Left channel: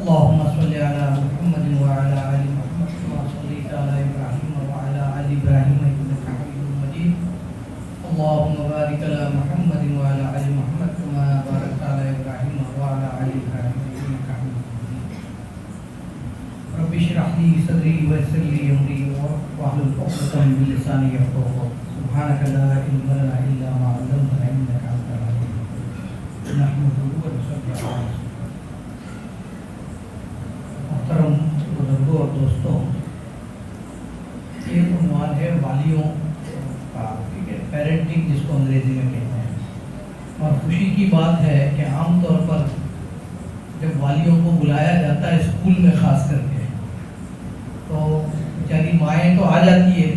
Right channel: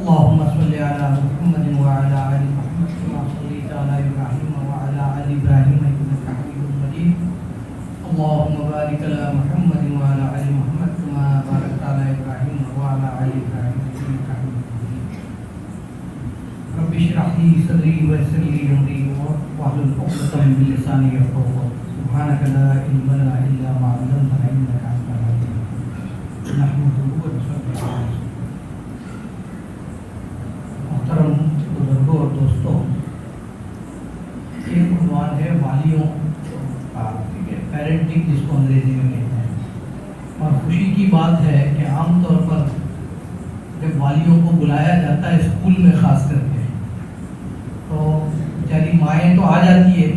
اللهم صل على محمد وعلى آل محمد كما صليت على إبراهيم وعلى آل إبراهيم إنك حميد مجيد. اللهم بارك على محمد وعلى آل محمد كما باركت على إبراهيم وعلى آل إبراهيم إنك حميد مجيد. رب اشرح لي صدري ويسر لي أمري واحلل عقدة من لساني يفقهوا قولي. سبحانك لا علم لنا إلا ما علمتنا إنك أنت العليم الحكيم. نحمده ونصلي على رسوله. محترم بزرگوں اور دوستوں، یہ عنوان ہے والیوں کا، ٹھیک ہے، پیرنٹنگ جس کو انگریزی میں کہتے ہیں. اور خوشی کی بات ہے کہ عام طور پر جب والیوں کو بلایا جاتا ہے اسکول میں خاص کر کے، تو بیچاری مائیں تو آ جاتی ہے،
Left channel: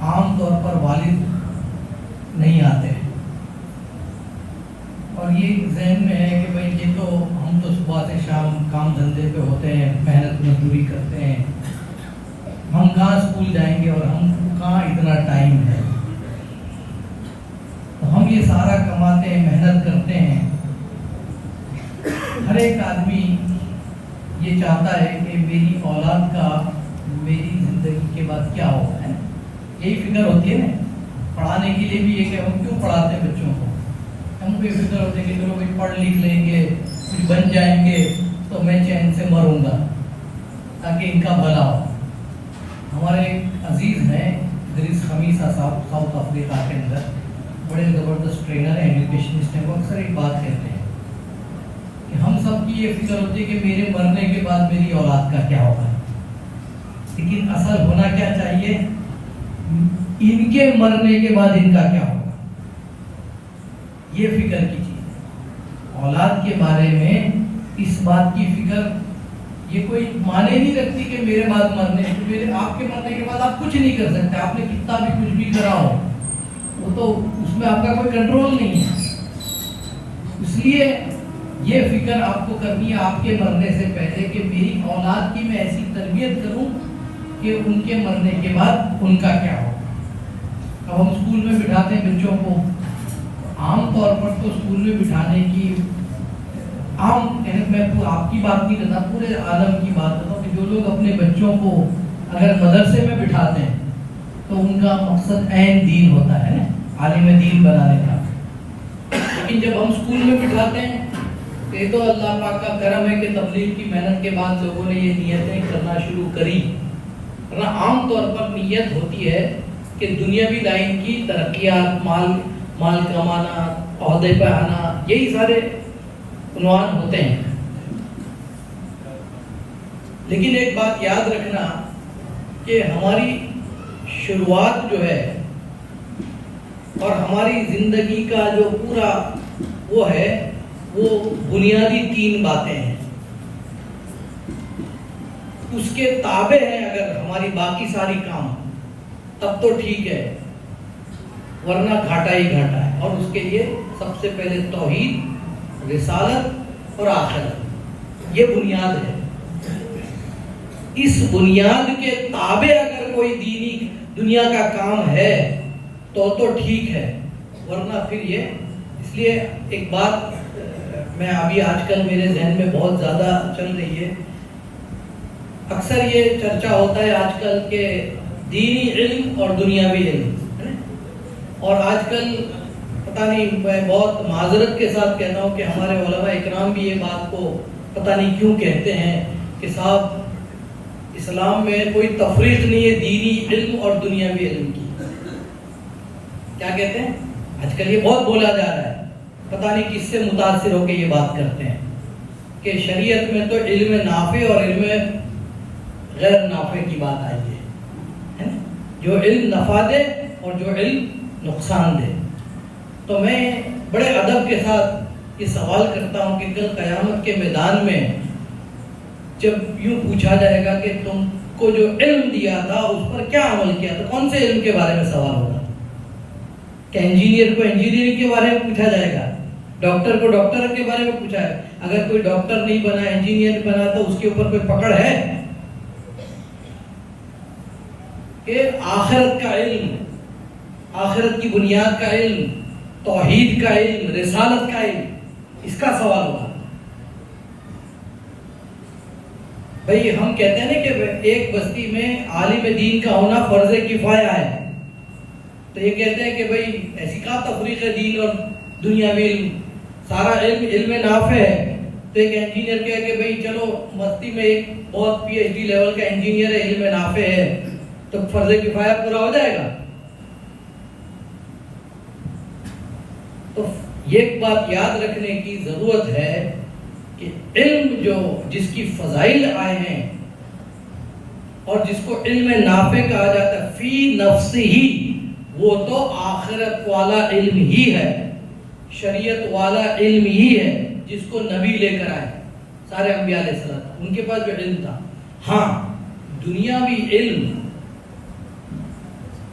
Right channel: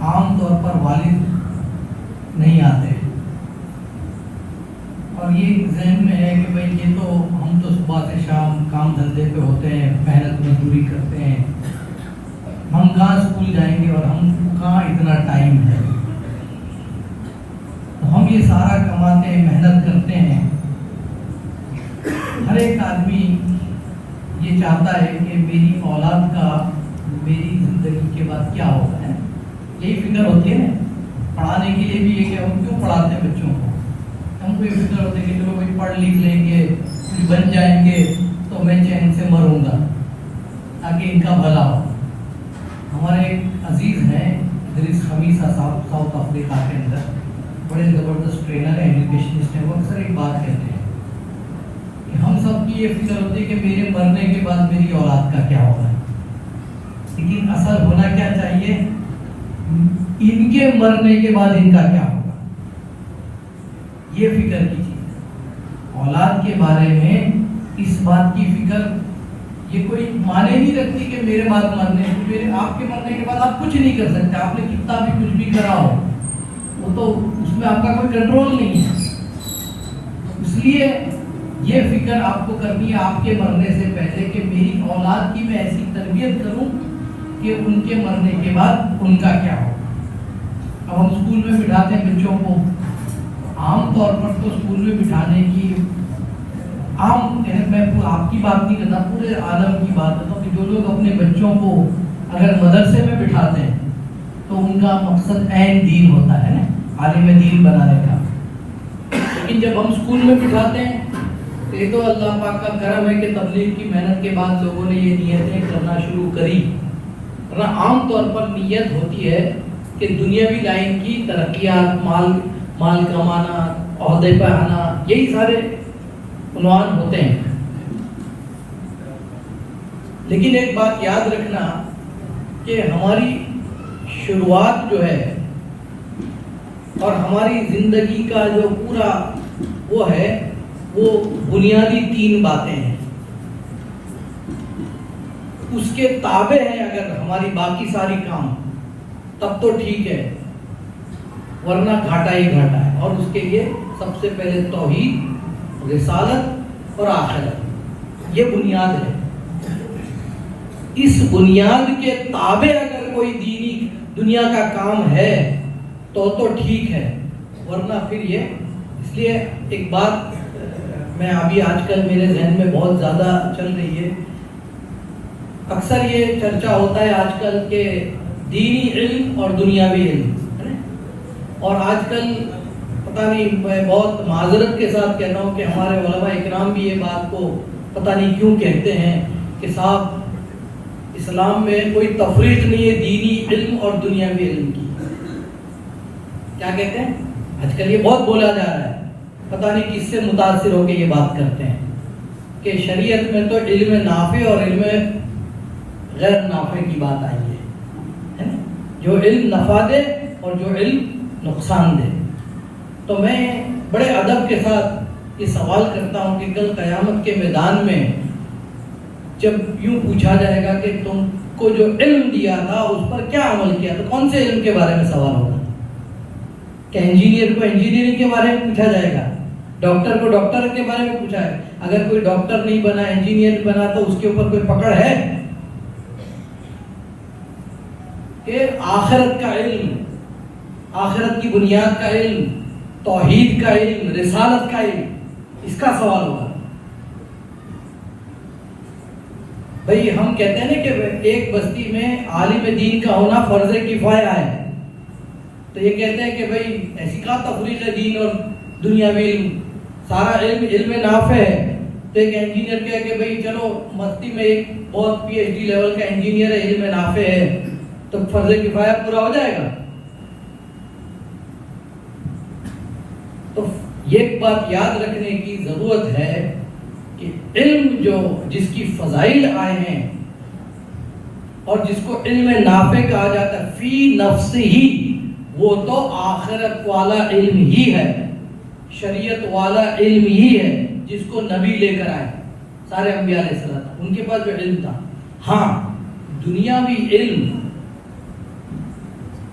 عام طور پر والد نہیں آتے. اور یہ ذہن میں ہے کہ بھائی یہ تو ہم تو صبح سے شام کام دھندے پہ ہوتے ہیں، محنت مزدوری کرتے ہیں، ہم کہاں اسکول جائیں گے اور ہم کہاں اتنا ٹائم ہے. تو ہم یہ سارا کماتے ہیں، محنت کرتے ہیں. ہر ایک آدمی یہ چاہتا ہے کہ میری اولاد کا میری زندگی کے بعد کیا ہوگا ہے، یہی فکر ہوتی ہے نا. پڑھانے کے لیے بھی یہ کہ ہم کیوں پڑھاتے ہیں بچوں کو، ہم کو یہ فکر ہوتا ہے کہ چلو بھائی پڑھ لکھ لیں گے، بن جائیں گے تو میں چین سے مروں گا تاکہ ان کا بھلا ہو. ہمارے ایک عزیز ہیں ادریس خمیسہ صاحب، ساؤتھ افریقہ کے اندر بڑے زبردست ٹرینر ہیں، ایجوکیشنسٹ ہیں. وہ اکثر ایک بات کہتے ہیں کہ ہم سب کی یہ فکر ہوتی ہے کہ میرے مرنے کے بعد میری اولاد کا کیا ہوگا، لیکن اصل ہونا کیا چاہیے، ان کے مرنے کے بعد ان کا کیا ہوگا. یہ فکر کی چیز ہے. اولاد کے بارے میں اس بات کی فکر یہ کوئی معنی نہیں رکھتی کہ میرے بعد مرنے، آپ کے مرنے کے بعد آپ کچھ نہیں کر سکتے. آپ نے کتنا بھی کچھ بھی کرا ہو، وہ تو اس میں آپ کا کوئی کنٹرول نہیں ہے. اس لیے یہ فکر آپ کو کرنی ہے آپ کے مرنے سے پہلے کہ میری اولاد کی میں ایسی تربیت کروں کہ ان کے مرنے کے بعد ان کا کیا ہو. اب ہم اسکول میں بٹھاتے ہیں بچوں کو، عام طور پر تو اسکول میں بٹھانے کی عام، میں آپ کی بات نہیں کرتا، پورے عالم کی بات کرتا ہوں کہ جو لوگ اپنے بچوں کو اگر مدرسے میں بٹھاتے ہیں تو ان کا مقصد عین دین ہوتا ہے نا، عالم دین بنانے کا. لیکن جب ہم اسکول میں بٹھاتے ہیں تو یہ تو اللہ پاک کا کرم ہے کہ تبلیغ کی محنت کے بعد لوگوں نے یہ نیتیں کرنا شروع کری. عام طور پر نیت ہوتی ہے کہ دنیاوی لائن کی ترقیات، مال کمانا، عہدے پہ آنا، یہی سارے عنوان ہوتے ہیں. لیکن ایک بات یاد رکھنا کہ ہماری شروعات جو ہے اور ہماری زندگی کا جو پورا وہ ہے، وہ بنیادی 3 باتیں ہیں. اس کے تابع ہیں اگر ہماری باقی ساری کام، تب تو ٹھیک ہے، ورنہ گھاٹا ہی گھاٹا ہے. اور اس کے لیے سب سے پہلے توحید، رسالت اور آخرت، یہ بنیاد ہے. اس بنیاد کے تابع اگر کوئی دینی دنیا کا کام ہے تو ٹھیک ہے، ورنہ پھر یہ. اس لیے ایک بات میں ابھی آج کل میرے ذہن میں بہت زیادہ چل رہی ہے، اکثر یہ چرچا ہوتا ہے آج کل کہ دینی علم اور دنیاوی علم. اور آج کل پتہ نہیں، میں بہت معذرت کے ساتھ کہتا ہوں کہ ہمارے علماء اکرام بھی یہ بات کو پتہ نہیں کیوں کہتے ہیں کہ صاحب اسلام میں کوئی تفریق نہیں ہے دینی علم اور دنیاوی علم کی. کیا کہتے ہیں؟ آج کل یہ بہت بولا جا رہا ہے، پتہ نہیں کس سے متاثر ہو کے یہ بات کرتے ہیں کہ شریعت میں تو علم نافع اور علم غیر نافع کی بات آئی ہے، جو علم نفع دے اور جو علم نقصان دے. تو میں بڑے ادب کے ساتھ یہ سوال کرتا ہوں کہ کل قیامت کے میدان میں جب یوں پوچھا جائے گا کہ تم کو جو علم دیا تھا اس پر کیا عمل کیا، تو کون سے علم کے بارے میں سوال ہوگا؟ کہ انجینئر کو انجینئرنگ کے بارے میں پوچھا جائے گا، ڈاکٹر کو ڈاکٹر کے بارے میں پوچھا ہے. اگر کوئی ڈاکٹر نہیں بنا، انجینئر بنا، تو اس کے اوپر کوئی پکڑ ہے؟ کہ آخرت کا علم، آخرت کی بنیاد کا علم، توحید کا علم، رسالت کا علم، اس کا سوال ہوگا. بھائی ہم کہتے ہیں نا کہ ایک بستی میں عالم دین کا ہونا فرض کفایہ ہے، تو یہ کہتے ہیں کہ بھائی ایسی کہاں تفریق ہے دین اور دنیاوی علم، سارا علم علم نافع ہے۔ تو ایک انجینئر کہے کہ بھائی چلو مستی میں ایک بہت پی ایچ ڈی لیول کا انجینئر ہے، علم نافع ہے، تو فرض کفایہ پورا ہو جائے گا؟ تو یہ بات یاد رکھنے کی ضرورت ہے کہ علم جو جس کی فضائل آئے ہیں اور جس کو علم نافع کہا جاتا ہے فی نفس ہی، وہ تو آخرت والا علم ہی ہے، شریعت والا علم ہی ہے جس کو نبی لے کر آئے سارے انبیاء علیہ السلام، ان کے پاس جو علم تھا۔ ہاں دنیاوی علم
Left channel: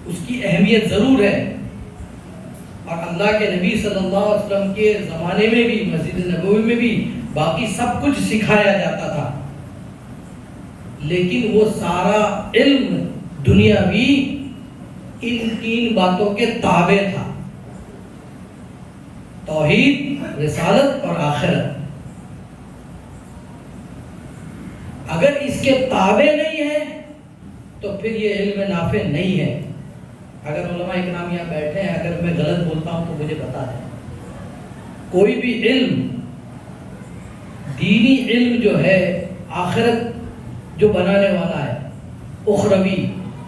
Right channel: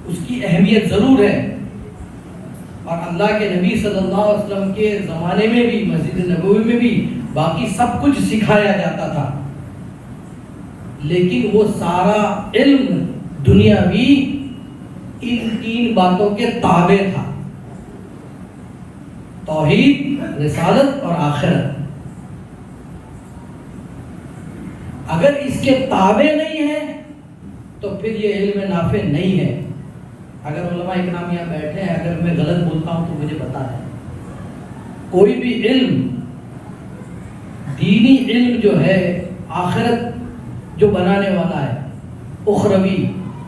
اس کی اہمیت ضرور ہے، اور اللہ کے نبی صلی اللہ علیہ وسلم کے زمانے میں بھی مسجد نبوی میں بھی باقی سب کچھ سکھایا جاتا تھا، لیکن وہ سارا علم دنیاوی ان تین باتوں کے تابع تھا: توحید، رسالت اور آخرت۔ اگر اس کے تابع نہیں ہے تو پھر یہ علم نافع نہیں ہے۔ اگر علماء اکرام یہاں بیٹھے ہیں، اگر میں غلط بولتا ہوں تو مجھے پتا ہے۔ کوئی بھی علم، دینی علم جو ہے، آخرت جو بنانے والا ہے، اخروی،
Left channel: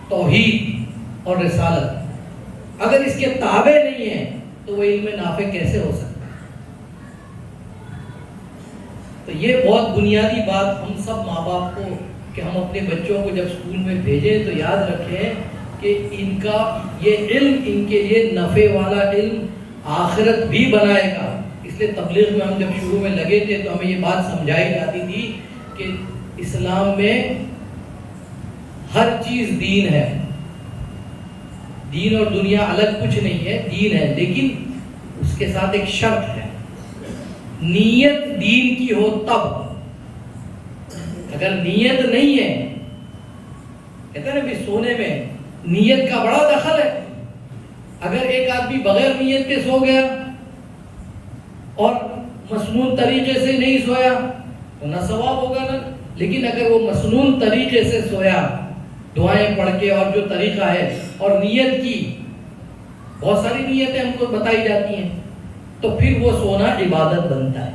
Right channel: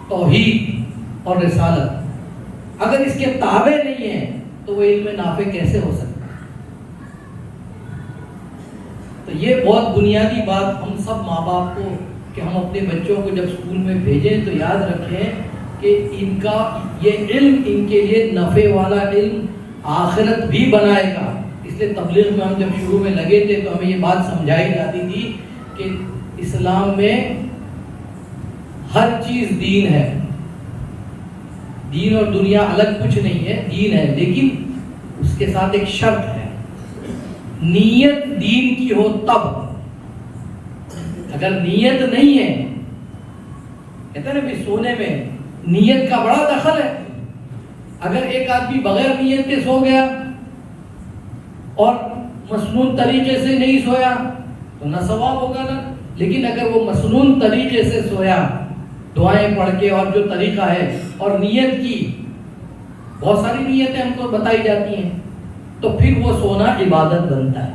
توحید اور رسالت، اگر اس کے تابع نہیں ہے تو وہ علم نافع کیسے ہو سکتا ہے؟ تو یہ بہت بنیادی بات ہم سب ماں باپ کو، کہ ہم اپنے بچوں کو جب اسکول میں بھیجیں تو یاد رکھیں کہ ان کا یہ علم ان کے لیے نفع والا علم آخرت بھی بنائے گا۔ اس لیے تبلیغ میں ہم جب شروع میں لگے تھے تو ہمیں یہ بات سمجھائی جاتی تھی کہ اسلام میں ہر چیز دین ہے، دین اور دنیا الگ کچھ نہیں ہے، دین ہے، لیکن اس کے ساتھ ایک شرط ہے، نیت دین کی ہو تب۔ اگر نیت نہیں ہے، کہتے ہیں نا کہ سونے میں نیت کا بڑا دخل ہے۔ اگر ایک آدمی بغیر نیت کے سو گیا اور مسنون طریقے سے نہیں سویا تو نہ ثواب ہوگا نا، لیکن اگر وہ مسنون طریقے سے سویا، دعائیں پڑھ کے اور جو طریقہ ہے اور نیت کی، بہت ساری نیتیں ہم کو بتائی جاتی ہیں، تو پھر وہ سونا عبادت بنتا ہے۔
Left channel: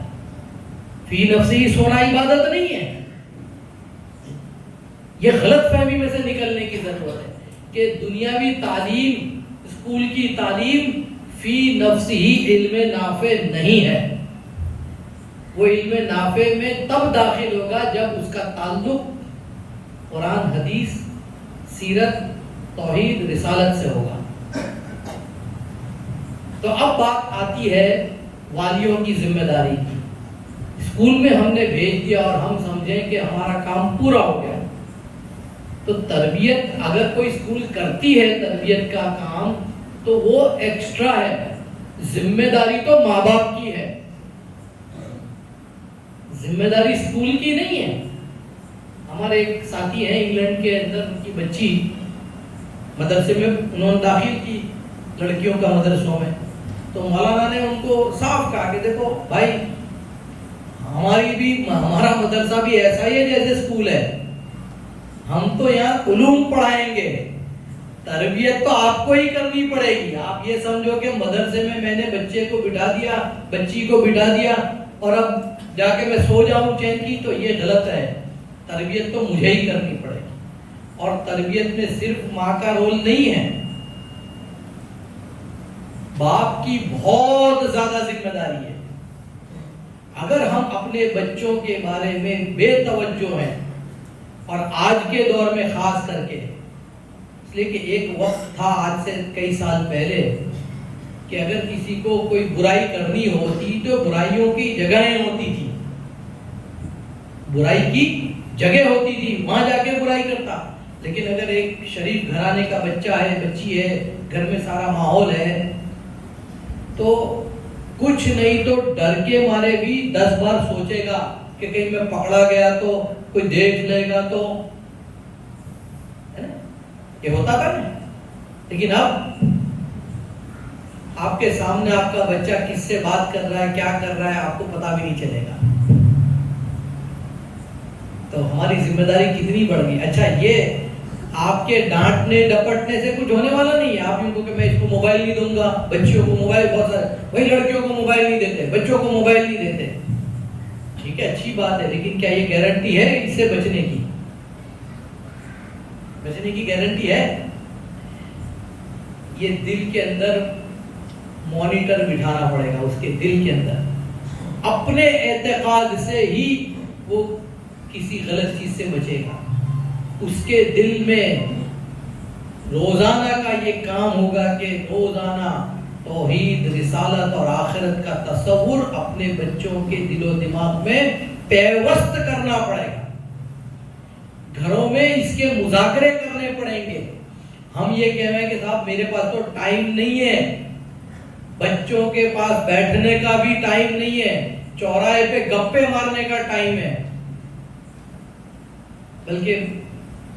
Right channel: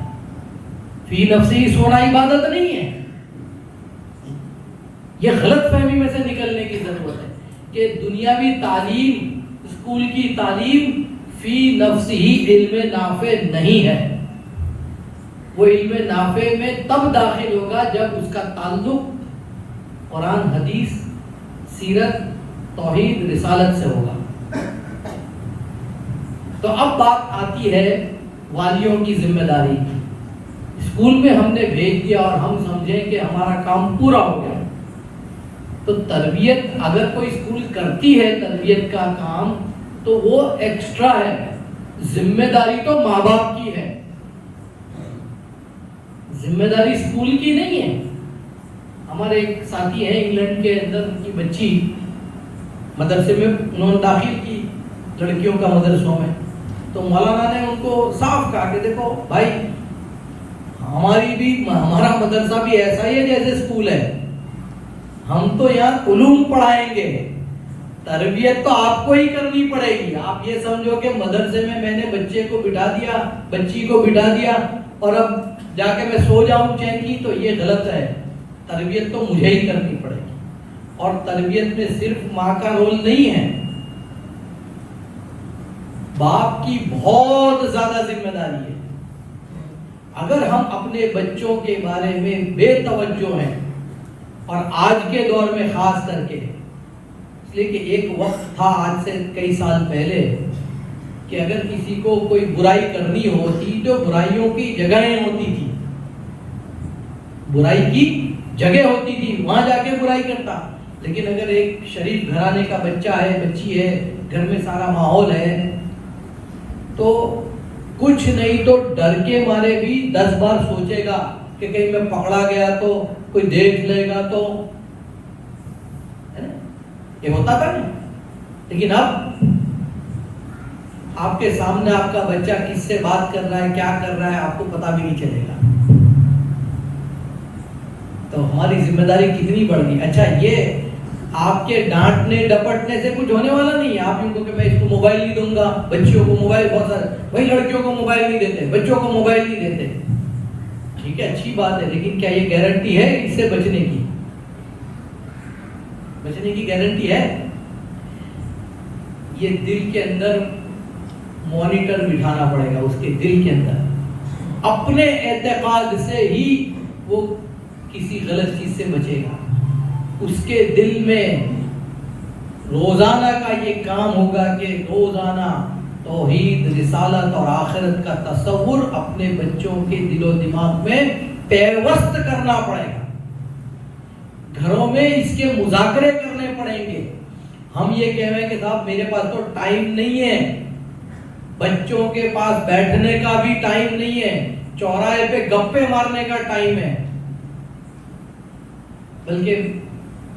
فی نفسی سونا عبادت نہیں ہے۔ یہ غلط فہمی میں سے نکلنے کی ضرورت ہے کہ دنیاوی تعلیم، اسکول کی تعلیم فی نفسی ہی علم نافع نہیں ہے۔ وہ علم نافع میں تب داخل ہوگا جب اس کا تعلق قرآن، حدیث، سیرت، توحید، رسالت سے ہوگا۔ تو اب بات آتی ہے والیوں کی ذمہ داری کی۔ اسکول میں ہم نے بھیج دیا اور ہم سمجھیں کہ ہمارا کام پورا ہو گیا، تو تربیت اگر کوئی اسکول کرتی ہے تربیت کا کام تو وہ ایکسٹرا ہے، ذمہ داری تو ماں باپ کی ہے، ذمہ داری اسکول کی نہیں ہے۔ ہمارے ایک ساتھی ہیں انگلینڈ کے اندر، ان کی بچی مدرسے میں انہوں نے داخل کی، لڑکیوں کا مدرسوں میں، تو مولانا نے ان کو صاف کہا کہ دیکھو بھائی، ہمارا مدرسہ بھی ایسا ہی ہے جیسے اسکول ہے، ہم تو یہاں علوم پڑھائیں گے، تربیت تو آپ کو ہی کرنی پڑے گی۔ آپ یہ سمجھو کہ مدرسے میں نے بچے کو بٹھا دیا، بچی کو بٹھا دیا اور اب جا کے میں سو جاؤں چین کی، تو یہ غلط ہے۔ تربیت تو مجھے ہی کرنی پڑے گی، اور تربیت میں صرف ماں کا رول نہیں ہے، باپ کی بہت زیادہ ذمہ داری ہے۔ اگر ہم اپنے بچوں کے بارے میں بے توجہ ہیں، اور آج کے دور میں خاص کر کے، اس لیے کہ ایک وقت تھا آج سے کئی سال پہلے کہ اگر کسی کو کوئی برائی کرنی ہوتی تو برائیوں کی جگہیں ہوتی تھی، برائی کی جگہ ہوتی تھی، وہاں جا کے برائی کرتا۔ لیکن اگر ایک شریف گھرانے کا بچہ ہے، بچی ہے، گھر میں سارا ماحول ہے، تو کچھ نہیں تو ڈر کے مارے بھی 10 بار سوچے گا کہ کہیں میں پکڑا گیا تو کوئی دیکھ لے گا تو، یہ ہوتا تھا نا۔ لیکن اب آپ کے سامنے آپ کا بچہ کس سے بات کر رہا ہے، کیا کر رہا ہے، آپ کو پتا بھی نہیں چلے گا۔ تو ہماری ذمہ داری کتنی بڑھ گئی. اچھا یہ آپ کے ڈانٹنے ڈپٹنے سے کچھ ہونے والا نہیں ہے. آپ ان کو کہ میں اس کو موبائل نہیں دوں گا, بچیوں کو موبائل بہت سارے, بھائی لڑکیوں کو موبائل نہیں دیتے, بچوں کو موبائل نہیں دیتے, ٹھیک ہے اچھی بات ہے, لیکن کیا یہ گارنٹی ہے اس سے بچنے کی؟ بچنے کی گارنٹی ہے؟ یہ دل کے اندر مانیٹر بٹھانا پڑے گا, اس کے دل کے اندر اپنے اعتقاد سے ہی وہ کسی غلط چیز سے بچے گا. اس کے دل میں روزانہ کا یہ کام ہوگا کہ روزانہ توحید, رسالت اور آخرت کا تصور اپنے بچوں کے دل و دماغ میں پیوست کرنا پڑے گا. گھروں میں اس کے مذاکرے کرنے پڑیں گے. ہم یہ کہہ رہے ہیں کہ صاحب میرے پاس تو ٹائم نہیں ہے, بچوں کے پاس بیٹھنے کا بھی ٹائم نہیں ہے, چوراہے پہ گپے مارنے کا ٹائم ہے. بلکہ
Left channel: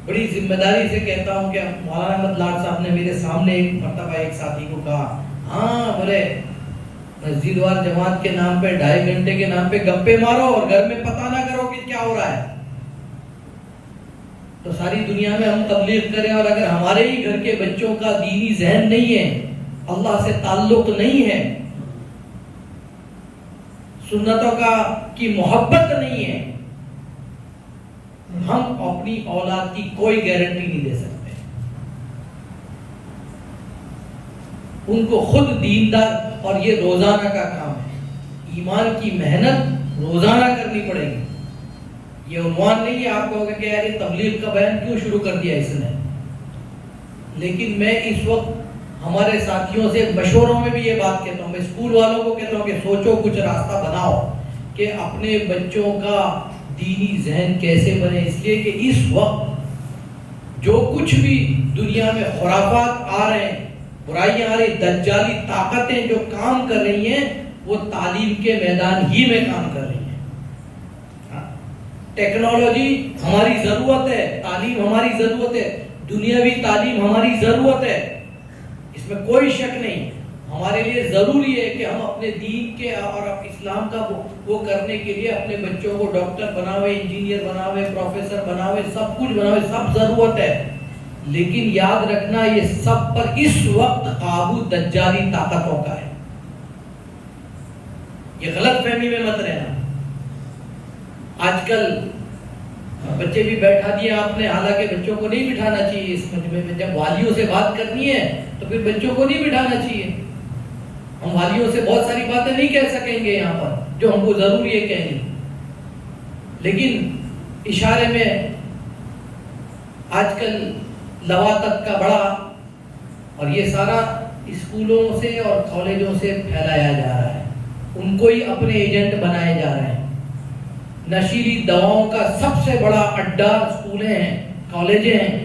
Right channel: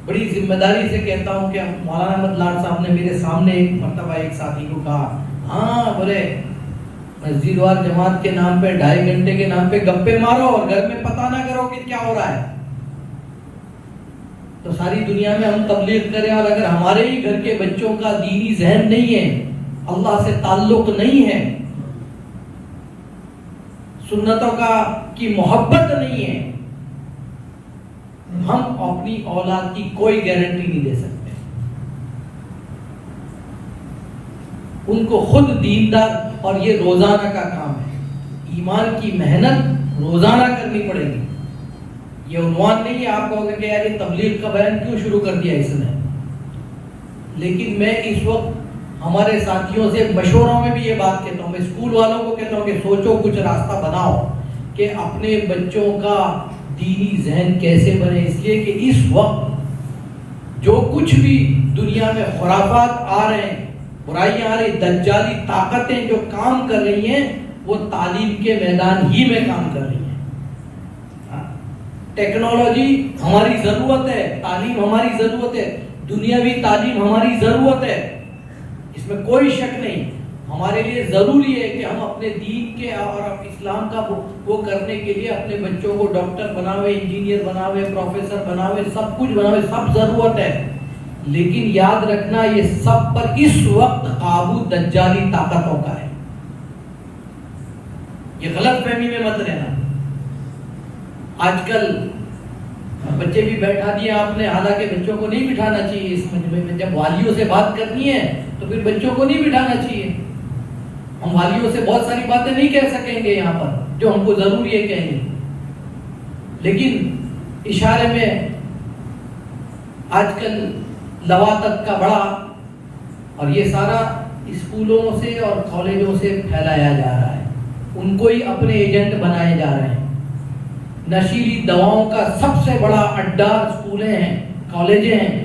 بڑی ذمہ داری سے کہتا ہوں کہ مولانا احمد لاٹ صاحب نے میرے سامنے ایک مرتبہ ایک ساتھی کو کہا, ہاں بولے مسجد وال جماعت کے نام پہ 2.5 گھنٹے کے نام پہ گپے مارو اور گھر میں پتہ نہ کرو کہ کیا ہو رہا ہے. تو ساری دنیا میں ہم تبلیغ کریں اور اگر ہمارے ہی گھر کے بچوں کا دینی ذہن نہیں ہے, اللہ سے تعلق نہیں ہے, سنتوں کی محبت نہیں ہے, ہم اپنی اولاد کی کوئی گارنٹی نہیں دے سکتے. ان کو خود دیندار, اور یہ روزانہ کا کام ہے, ایمان کی محنت روزانہ کرنی پڑے گی. یہ عنوان نہیں ہے آپ کہوگے کہ یار یہ تبلیغ کا بیان کیوں شروع کر دیا اس نے, لیکن میں اس وقت ہمارے ساتھیوں سے مشوروں میں بھی یہ بات کہتا ہوں, میں اسکول والوں کو کہتا ہوں کہ سوچو, کچھ راستہ بناؤ کہ اپنے بچوں کا دینی ذہن کیسے بنے. اس لیے کہ اس وقت جو کچھ بھی دنیا میں خرافات آ رہے ہیں, برائیاں آ رہی, دجالی طاقتیں جو کام کر رہی ہیں وہ تعلیم کے میدان ہی میں کام کر رہی ہیں. ٹیکنالوجی ہماری ضرورت ہے, تعلیم ہماری ضرورت ہے, دنیاوی تعلیم ہماری ضرورت ہے, اس میں کوئی شک نہیں. ہمارے لیے ضروری ہے کہ ہم اپنے دین کے اور اسلام کا وہ کرنے کے لیے اپنے بچوں کو ڈاکٹر بناوے, انجینئر بناوے, پروفیسر بناوے, سب کچھ بناوے, سب ضرورت ہے. لیکن یاد رکھنا یہ سب پر اس وقت قابو دجالی طاقتوں کا ہے. یہ غلط فہمی میں مت رہنا. آج کل بچے بھی بیٹھا دیا آپ نے, حالانکہ بچوں کو نہیں بٹھانا چاہیے اس مجمع میں. جب والیوں سے بات کرنی ہے تو پھر بچوں کو نہیں بٹھانا چاہیے. ہم والیوں سے بہت ساری باتیں نہیں کہہ سکیں گے یہاں پر جو ہم کو ضروری ہے کہیں, لیکن اشارے میں آج کل لواطت کا بڑا, اور یہ سارا اسکولوں سے اور کالجوں سے پھیلایا جا رہا ہے. ان کو ہی اپنے ایجنٹ بنائے جا رہے ہیں. نشیلی دواؤں کا سب سے بڑا اڈا اسکولیں ہیں, کالجیں ہیں.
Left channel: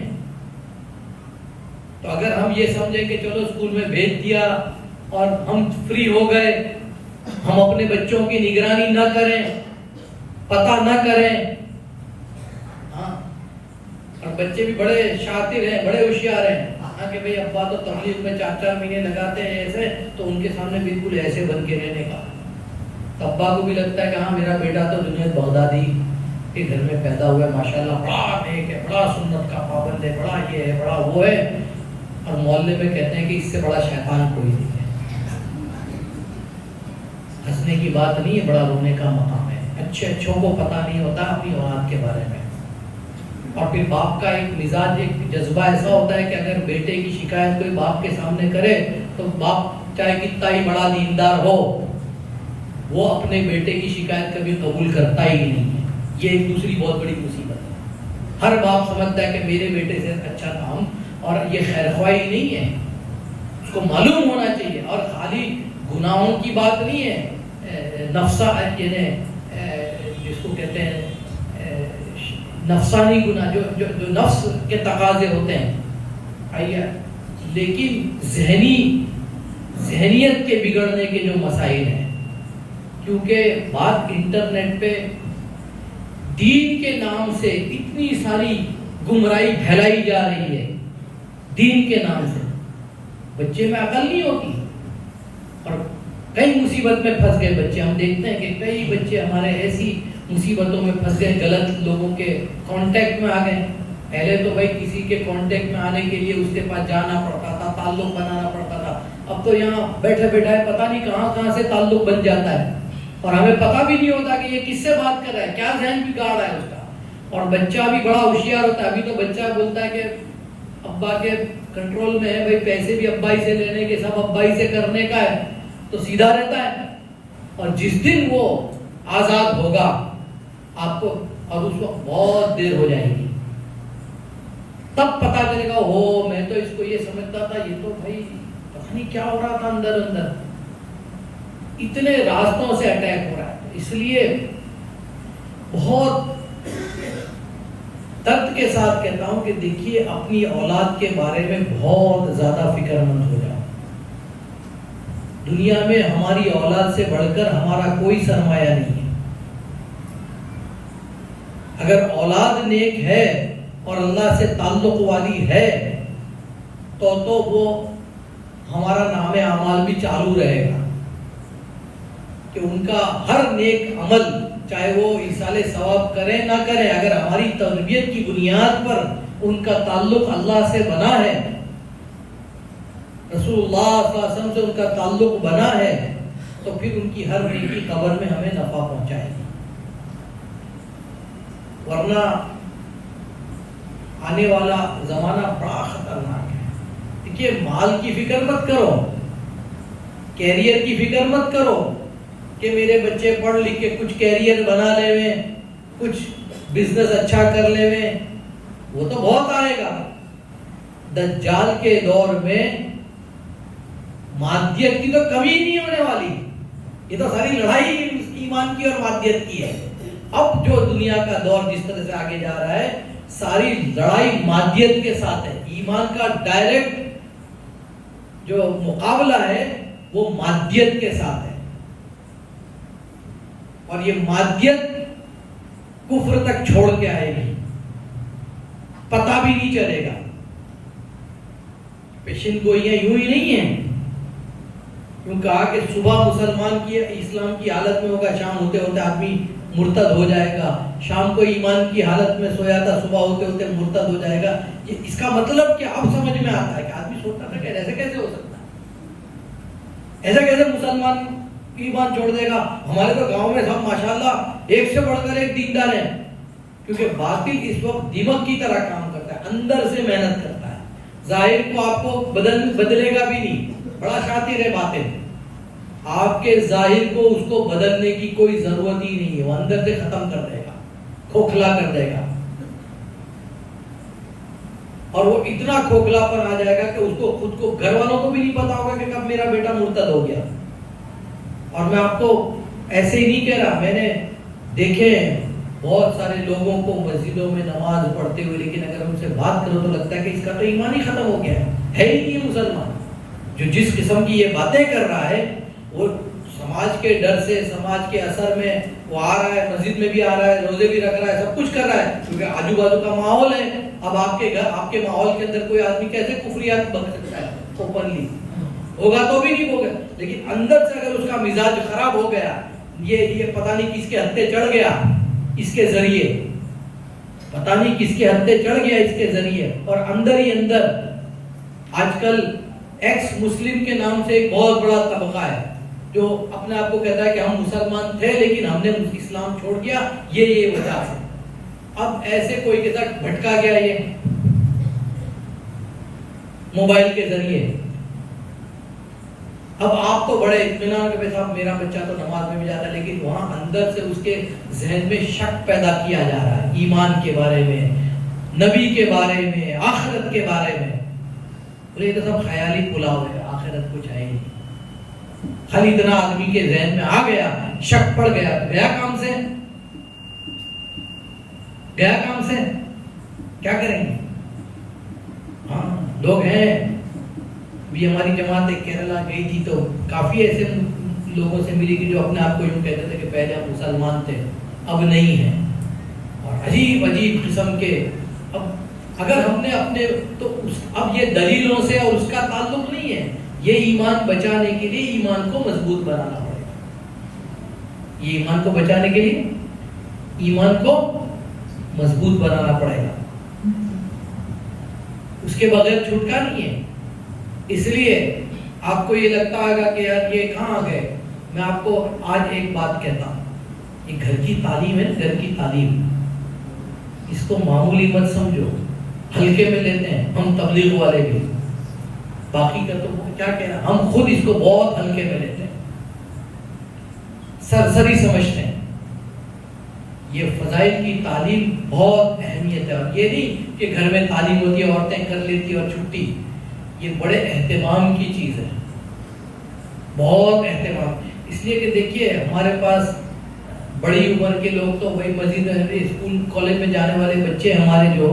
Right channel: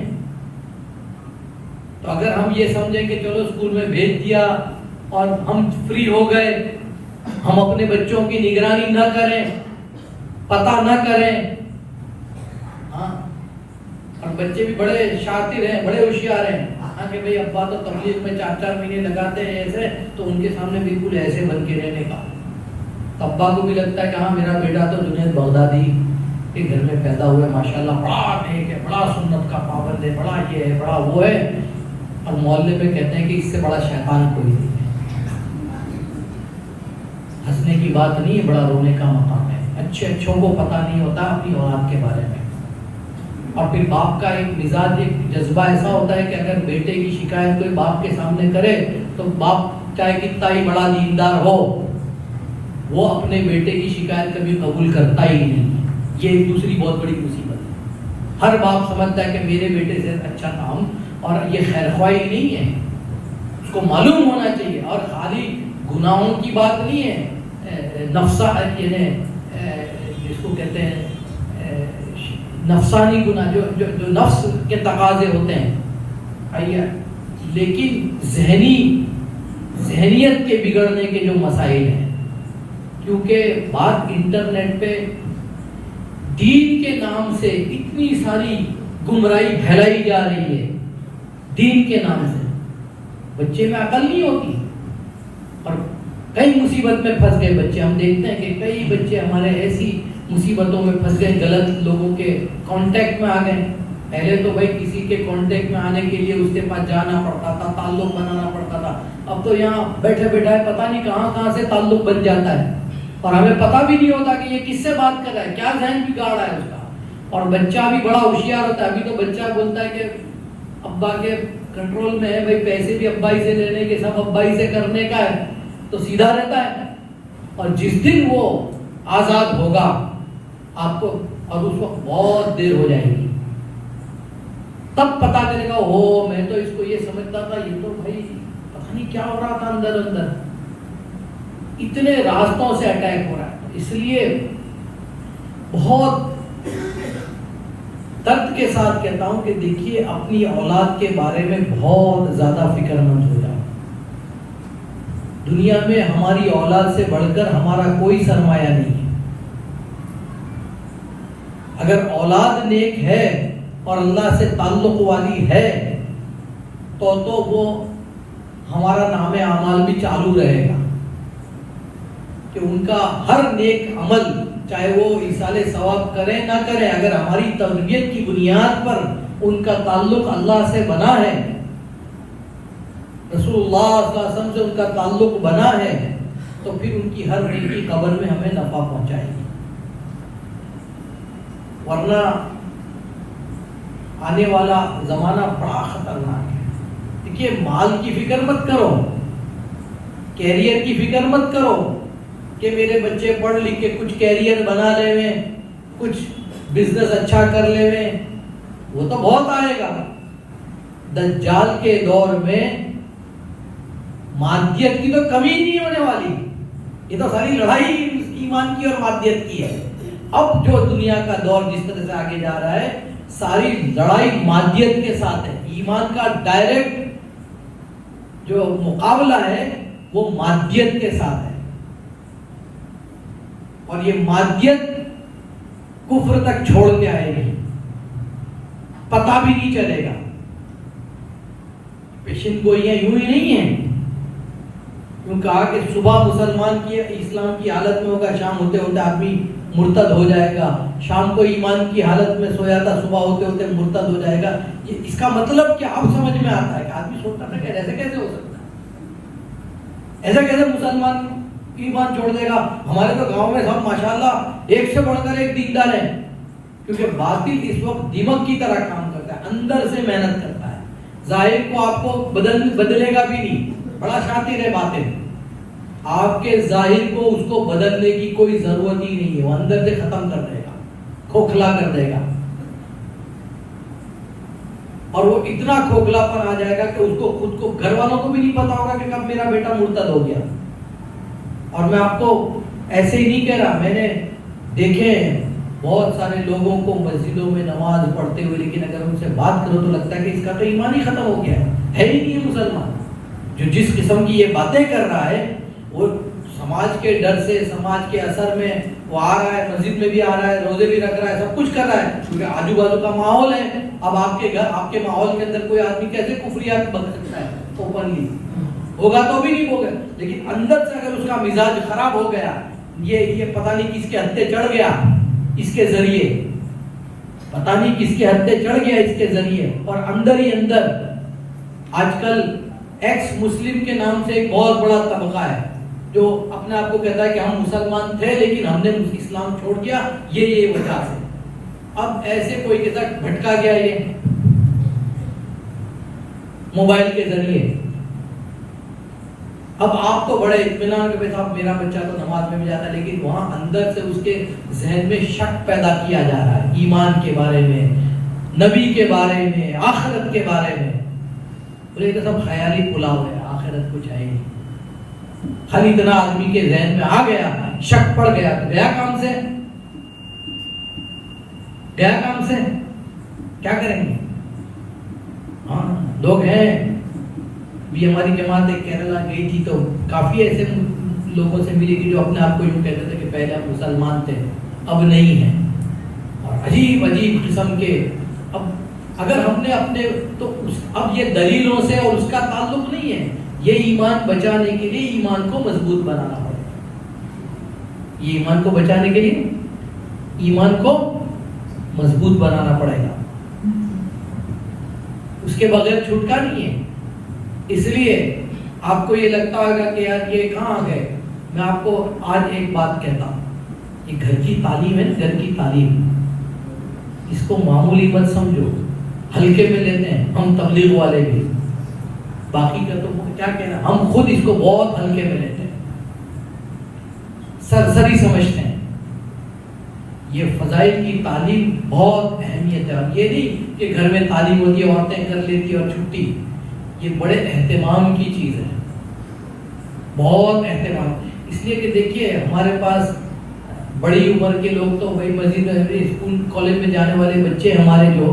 تو اگر ہم یہ سمجھیں کہ چلو اسکول میں بھیج دیا اور ہم فری ہو گئے, ہم اپنے بچوں کی نگرانی نہ کریں, پتہ نہ کریں, ہاں, اور بچے بھی بڑے شاطر ہیں, بڑے ہوشیار ہیں, ہاں کہ بھئی ابا تو تبلیغ میں 4 مہینے لگاتے ہیں ایسے, تو ان کے سامنے بالکل ایسے بن کے رہنے کا. ابا کو بھی لگتا ہے کہ ہاں میرا بیٹا تو جنید بغدادی کے گھر میں پیدا ہوا ہے, ماشاءاللہ بڑا نیک ہے, بڑا سنت کا پابند ہے, بڑا یہ ہے, بڑا وہ ہے, اور محلے میں کہتے ہیں کہ اس سے بڑا شیطان کوئی نہیں ہے. ہنسنے کی بات نہیں ہے, بڑا رونے کا مقام ہے. اچھے اچھوں کو پتہ نہیں ہوتا اپنی اولاد کے بارے میں. اور پھر باپ کا ایک مزاج, ایک جذبہ ایسا ہوتا ہے کہ اگر بیٹے کی شکایت کوئی باپ کے سامنے کرے تو باپ چاہے کتنا ہی بڑا دیندار ہو, وہ اپنے بیٹے کی شکایت کبھی قبول کرتا ہی نہیں ہے. یہ ایک دوسری بہت بڑی مصیبت ہے. ہر باپ سمجھتا ہے کہ میرے بیٹے سے اچھا کام, اور یہ خیر خواہی نہیں ہے, اس کو معلوم ہونا چاہیے. اور خالی گناہوں کی بات نہیں ہے, جس کو کہتے ہیں نفسانی گناہ, جو نفس کے تقاضے ہوتے ہیں, لیکن ذہنیت کے بگڑنے کے جو مسائل ہیں, کیونکہ بات انٹرنیٹ پہ دین کے نام سے اتنی ساری گمراہی پھیلائی جا رہی ہے. دین کے نام سے بچے میں عقل نہیں ہوتی, اور کئی مصیبت میں پھنس گئے بچے. ہم دیکھتے ہیں کہ کئی بچے ہمارے ایسی مصیبتوں میں پھنس گئے, غلط لوگوں کے کانٹیکٹ میں آ گئے. پہلے تو بھائی کسی کے کانٹیکٹ میں آنے کے لیے اس کے پاس جانا پڑتا تھا, تعلق بنانا پڑتا تھا. اب تو یہاں بیٹھے بیٹھائے پتہ نہیں کہاں سے تعلق بن جاتا ہے, اور ہمیں پتہ بھی نہیں ہوتا کہ یہ کس سے بات کر رہا ہے, کیا ذہن بگاڑ رہا ہے اس کا. اور بچہ بھی بڑا ہوشیار ہوتا ہے. ابھی تو بچہ بولتا ہے کہ ابا کے کنٹرول میں ہے, بھائی پیسے بھی ابا ہی سے لینے کے, سب ابا ہی سے کرنے کا ہے, تو سیدھا رہتا ہے. اور جس دن وہ آزاد ہوگا آپ کو, اب اس وقت بہت دیر ہو جائے گی, تب پتا چلے گا ہو میں تو اس کو یہ سمجھتا تھا, یہ تو بھائی پتہ نہیں کیا ہو رہا تھا اندر اندر. اتنے راستوں سے اٹیک ہو رہا ہے. اس لیے بہت درد کے ساتھ کہتا ہوں کہ دیکھیے اپنی اولاد کے بارے میں بہت زیادہ فکر مند ہو جائے. دنیا میں ہماری اولاد سے بڑھ کر ہمارا کوئی سرمایہ نہیں ہے. اگر اولاد نیک ہے اور اللہ سے تعلق والی ہے تو وہ ہمارا نام اعمال بھی چالو رہے گا, کہ ان کا ہر نیک عمل چاہے وہ ایصال ثواب کریں نہ کریں, اگر ہماری تربیت کی بنیاد پر ان کا تعلق اللہ سے بنا ہے, رسول اللہ صلی اللہ علیہ وسلم سے ان کا تعلق بنا ہے, تو پھر ان کی ہر نیکی قبر میں ہمیں نفع پہنچائے گی. ورنہ آنے والا زمانہ بڑا خطرناک ہے. دیکھیے مال کی فکر مت کرو, کیریئر کی فکر مت کرو کہ میرے بچے پڑھ لکھ کے کچھ کیریئر بنا لے میں, کچھ بزنس اچھا کر لے میں, وہ تو بہت آئے گا. دجال کے دور میں مادیت کی تو کمی نہیں ہونے والی. یہ تو ساری لڑائی ایمان کی اور مادیت کی ہے. اب جو دنیا کا دور جس طرح سے آگے جا رہا ہے, ساری لڑائی مادیت کے ساتھ ہے. ایمان کا ڈائریکٹ جو مقابلہ ہے وہ مادیت کے ساتھ ہے, اور یہ مادیت کفر تک چھوڑ کے آئے گی, پتہ بھی نہیں چلے گا. پیشن گوئیاں یوں ہی نہیں ہیں. کیوں کہا کہ صبح مسلمان کی اسلام کی حالت میں ہوگا, شام ہوتے ہوتے آدمی مرتد ہو جائے گا. شام کو ایمان کی حالت میں سویا تھا, صبح ہوتے ہوتے مرتد ہو جائے گا. اس کا مطلب کیا اب سمجھ میں آتا ہے کہ آدمی سوچتا تھا کہ ایسے کیسے ہو سکتا ہے, ایسا کیسے مسلمان ایمان چھوڑ دے گا. ہمارے تو گاؤں میں سب ماشاءاللہ ایک سے بڑھ کر ایک دیندار ہے, کیونکہ باطل اس وقت دیمک کی طرح کام کرتا ہے, اندر سے محنت کرتا ہے. ظاہر کو آپ کو بدلے گا بھی نہیں, بڑا شاطر ہے باطل. آپ کے ظاہر کو اس کو بدلنے کی کوئی ضرورت ہی نہیں ہے, وہ اندر سے ختم کر دے گا, کھوکھلا کر دے گا. اور وہ اتنا کھوکھلا پر آ جائے گا کہ اس کو خود کو, گھر والوں کو بھی نہیں پتا ہوگا کہ کب میرا بیٹا مرتد ہو گیا. اور میں آپ کو ایسے ہی نہیں کہہ رہا, میں نے دیکھے بہت سارے لوگوں کو مسجدوں میں نماز پڑھتے ہوئے, لیکن اگر ان سے بات کرو تو لگتا ہے کہ اس کا تو ایمان ہی ختم ہو گیا ہے ہی نہیں مسلمان. جو جس قسم کی یہ باتیں کر رہا ہے وہ سماج کے ڈر سے, سماج کے اثر میں وہ آ رہا ہے, مسجد میں بھی آ رہا ہے, روزے بھی رکھ رہا ہے, سب کچھ کر رہا ہے, کیونکہ آجو بازو کا ماحول ہے. اب آپ کے گھر, آپ کے ماحول کے اندر کوئی آدمی کیسے کفریات بن سکتا ہے اوپنلی؟ ہوگا تو بھی نہیں ہوگا, لیکن اندر سے اگر اس کا مزاج خراب ہو گیا, یہ پتہ نہیں کس کے ہتھے چڑھ گیا اس کے ذریعے, پتہ نہیں کس کے ہتھے چڑھ گیا اس کے ذریعے. اور اندر ہی اندر آج کل ایکس مسلم کے نام سے ایک بہت بڑا طبقہ ہے جو اپنے آپ کو کہتا ہے کہ ہم مسلمان تھے لیکن ہم نے اسلام چھوڑ دیا, یہ وجہ سے. اب ایسے کوئی کے ساتھ بھٹکا گیا یہ موبائل کے ذریعے. اب آپ تو بڑے اطمینان کے ساتھ, میرا بچہ تو نماز میں بھی جاتا ہے, لیکن وہاں اندر سے اس کے ذہن میں شک پیدا کیا جا رہا ہے ایمان کے بارے میں, نبی کے بارے میں, آخرت کے بارے میں. یہ تو سب خیالی پلاؤ ہے, آخرت کچھ ہے نہیں. خالی اتنا آدمی کے ذہن میں آ گیا, شک پڑ گیا, تو گیا کام سے, گیا کام سے. کیا کریں گے؟ ہاں لوگ ہیں بھی, ہماری جماعت ایک کیرلا گئی تھی تو کافی ایسے لوگوں سے ملی کہ جو اپنے آپ کو یوں کہتے تھے کہ پہلے ہم مسلمان تھے اب نہیں ہیں, اور عجیب عجیب قسم کے. اب اگر ہم نے اپنے تو اب یہ دلیلوں سے اور اس کا تعلق نہیں ہے, یہ ایمان بچانے کے لیے ایمان کو مضبوط بنانا پڑے. یہ ایمان کو بچانے کے لیے ایمان کو مضبوط بنانا پڑے گا، اس کے بغیر چھٹکا نہیں ہے. اس لیے آپ کو یہ لگتا ہوگا کہ یار یہ کہاں گئے. میں آپ کو آج ایک بات کہتا ہوں، یہ گھر کی تعلیم ہے، گھر کی تعلیم، اس کو معمولی مت سمجھو، ہلکے میں لیتے ہیں ہم تبلیغ والے بھی. باقی کا تو کیا کہنا، ہم خود اس کو بہت ہلکے میں لیتے ہیں، سرسری سمجھتے ہیں. یہ فضائل کی تعلیم بہت اہمیت ہے. اور یہ نہیں کہ گھر میں تعلیم ہوتی ہے عورتیں کر لیتی اور چھٹی. یہ بڑے اہتمام کی چیز ہے، بہت اہتمام. اس لیے کہ دیکھیے ہمارے پاس بڑی عمر کے لوگ تو بھائی مزید اسکول کالج میں جانے والے بچے ہمارے جو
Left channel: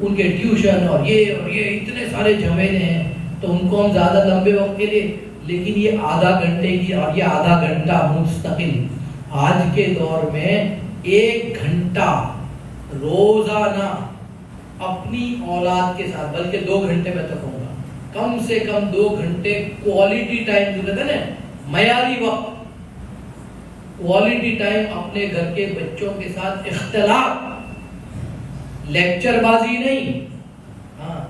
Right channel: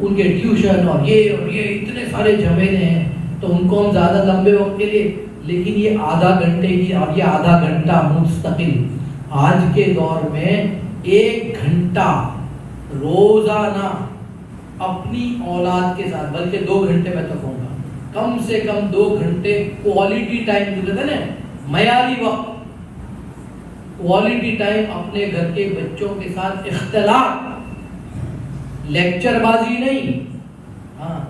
ان کے ٹیوشن اور یہ اتنے سارے جھمیلے ہیں، تو ان کو ہم زیادہ لمبے وقت کے لیے، لیکن یہ آدھا گھنٹے کی، اور یہ آدھا گھنٹہ مستقل آج کے دور میں 1 گھنٹہ روزانہ اپنی اولاد کے ساتھ، بلکہ 2 گھنٹے میں تو کہوں گا، کم سے کم 2 گھنٹے کوالٹی ٹائم جو کہتے ہیں نا، معیاری وقت، کوالٹی ٹائم اپنے گھر کے بچوں کے ساتھ. اختلاط، لیکچر بازی نہیں. ہاں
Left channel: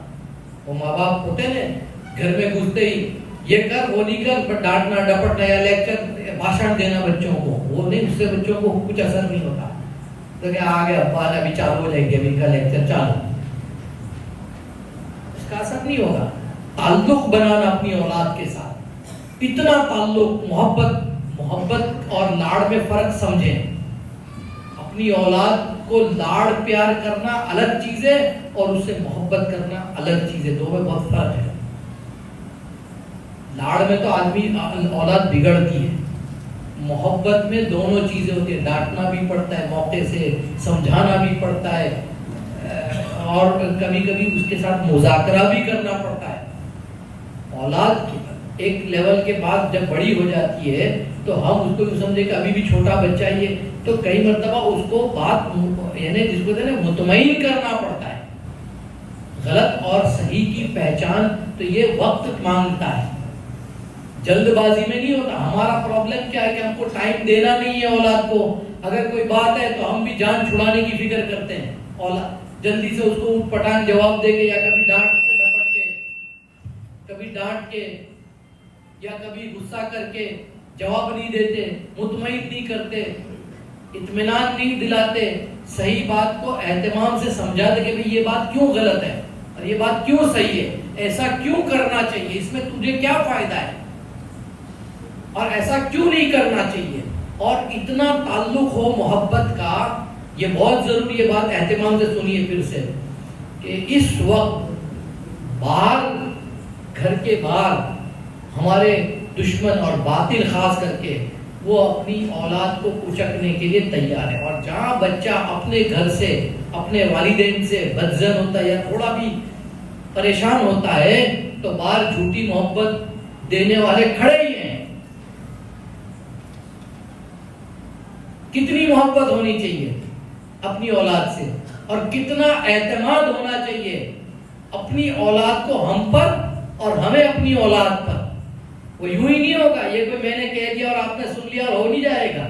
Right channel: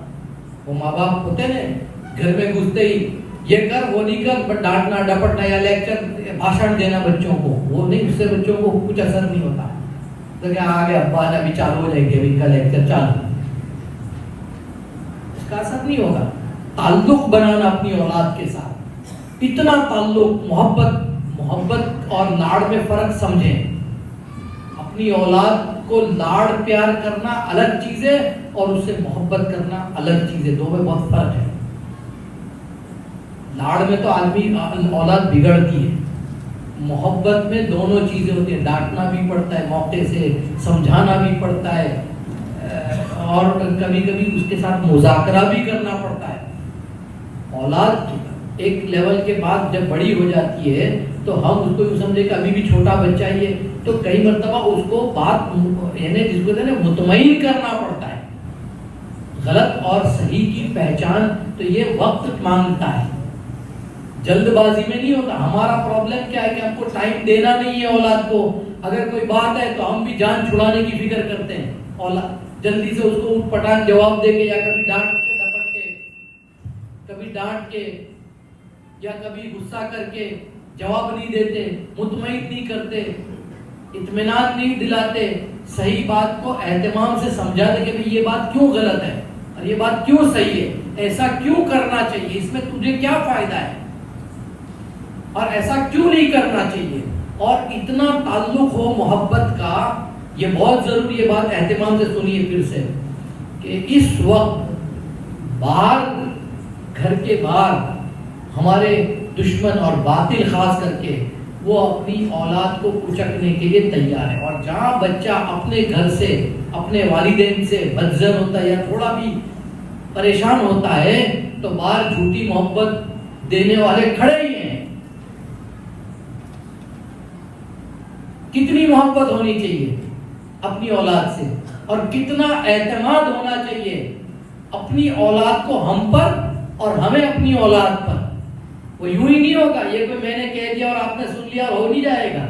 وہ ماں باپ ہوتے ہیں گھر میں گھستے ہی یہ کر وہ نہیں کر، ڈانٹنا ڈپٹنا یا لیکچر بھاشن دینا بچوں کو، وہ نہیں، اس سے بچوں کو کچھ اثر نہیں ہوتا. تو کیا آگے ابا ابھی چالو ہو جائے گی، ابھی کا لیکچر چالو، اس کا اثر نہیں ہوگا. تعلق بنانا اپنی اولاد کے ساتھ، اتنا تعلق، محبت اور لاڑ میں فرق سمجھیں. اپنی اولاد کو لاڑ پیار کرنا الگ چیز ہے اور اس سے محبت کرنا الگ چیز ہے، دو میں بہت فرق ہے. لاڑ میں تو آدمی اولاد بگڑتی ہے، محبت میں دونوں چیزیں ہوتی ہیں. ڈانٹنا بھی پڑتا ہے، موقع سے سمجھانا بھی پڑتا ہے، اور کبھی کبھی اس کے ساتھ مذاکرہ بھی کرنا پڑتا ہے. اولاد ایک لیول کے بعد جب بڑی ہو جاتی ہے تو ہم اس کو سمجھے کہ ابھی بھی چھوٹا بچہ ہی ہے، تو کئی مرتبہ اس کو بات یعنی جس کو مطمئن کرنا پڑتا ہے. غلط اور صحیح کی پہچان تو یہ وقت مانگتا ہے، جلد بازی میں نہیں ہوتا. ہمارا پرابلم کیا ہے کہ ہم کو ٹائم دینا نہیں ہے اولاد کو. اگر کوئی بات ہے تو ہم بھی جان چھڑانے کی فکر کرتے ہیں، اولاد جلدی سے اس کو پٹان جواب دے کے، یا کبھی ڈانٹ کے ڈپٹ کے، کبھی ڈانٹ کے، یا کبھی غصہ کر کے جواب نہیں دیتے، مطمئن نہیں کرتے، اطمینان نہیں دلاتے. صحیح بات کو اہتمام سے سمجھا دے کہ یہ بات کیوں غلط ہے اور یہ بات کیوں صحیح ہے، ایسا کیوں کرنا چاہیے، اس میں تجھے کیا فائدہ ہے اور ایسا کیوں نہیں کرنا چاہیے. اور اتنا تعلق ہو محبت کا، یہ بہت ضروری ہے. بات اہتمام سے سنیے پھر سے، کہ اس وقت باہر، گھر کے باہر ہمارے دشمن اور باطل خاص کر کے وہ اپنی اولاد کو کچکنے کے لیے تیار ہے. اور جہاں بچہ اپنے گھر سے، اپنے والدین سے بدظن ہوتا ہے یا تھوڑا بھی پریشان ہوتا ہے، تو باہر جھوٹی محبت دینے والے کھڑے ہی ہیں. کتنی محبت ہونی چاہیے اپنی اولاد سے، اور کتنا اعتماد ہونا چاہیے اپنی اولاد کو ہم پر اور ہمیں اپنی اولاد پر. وہ یوں ہی نہیں ہوگا یہ کوئی میں نے کہہ دیا اور آپ نے سن لیا اور ہو نہیں جائے گا.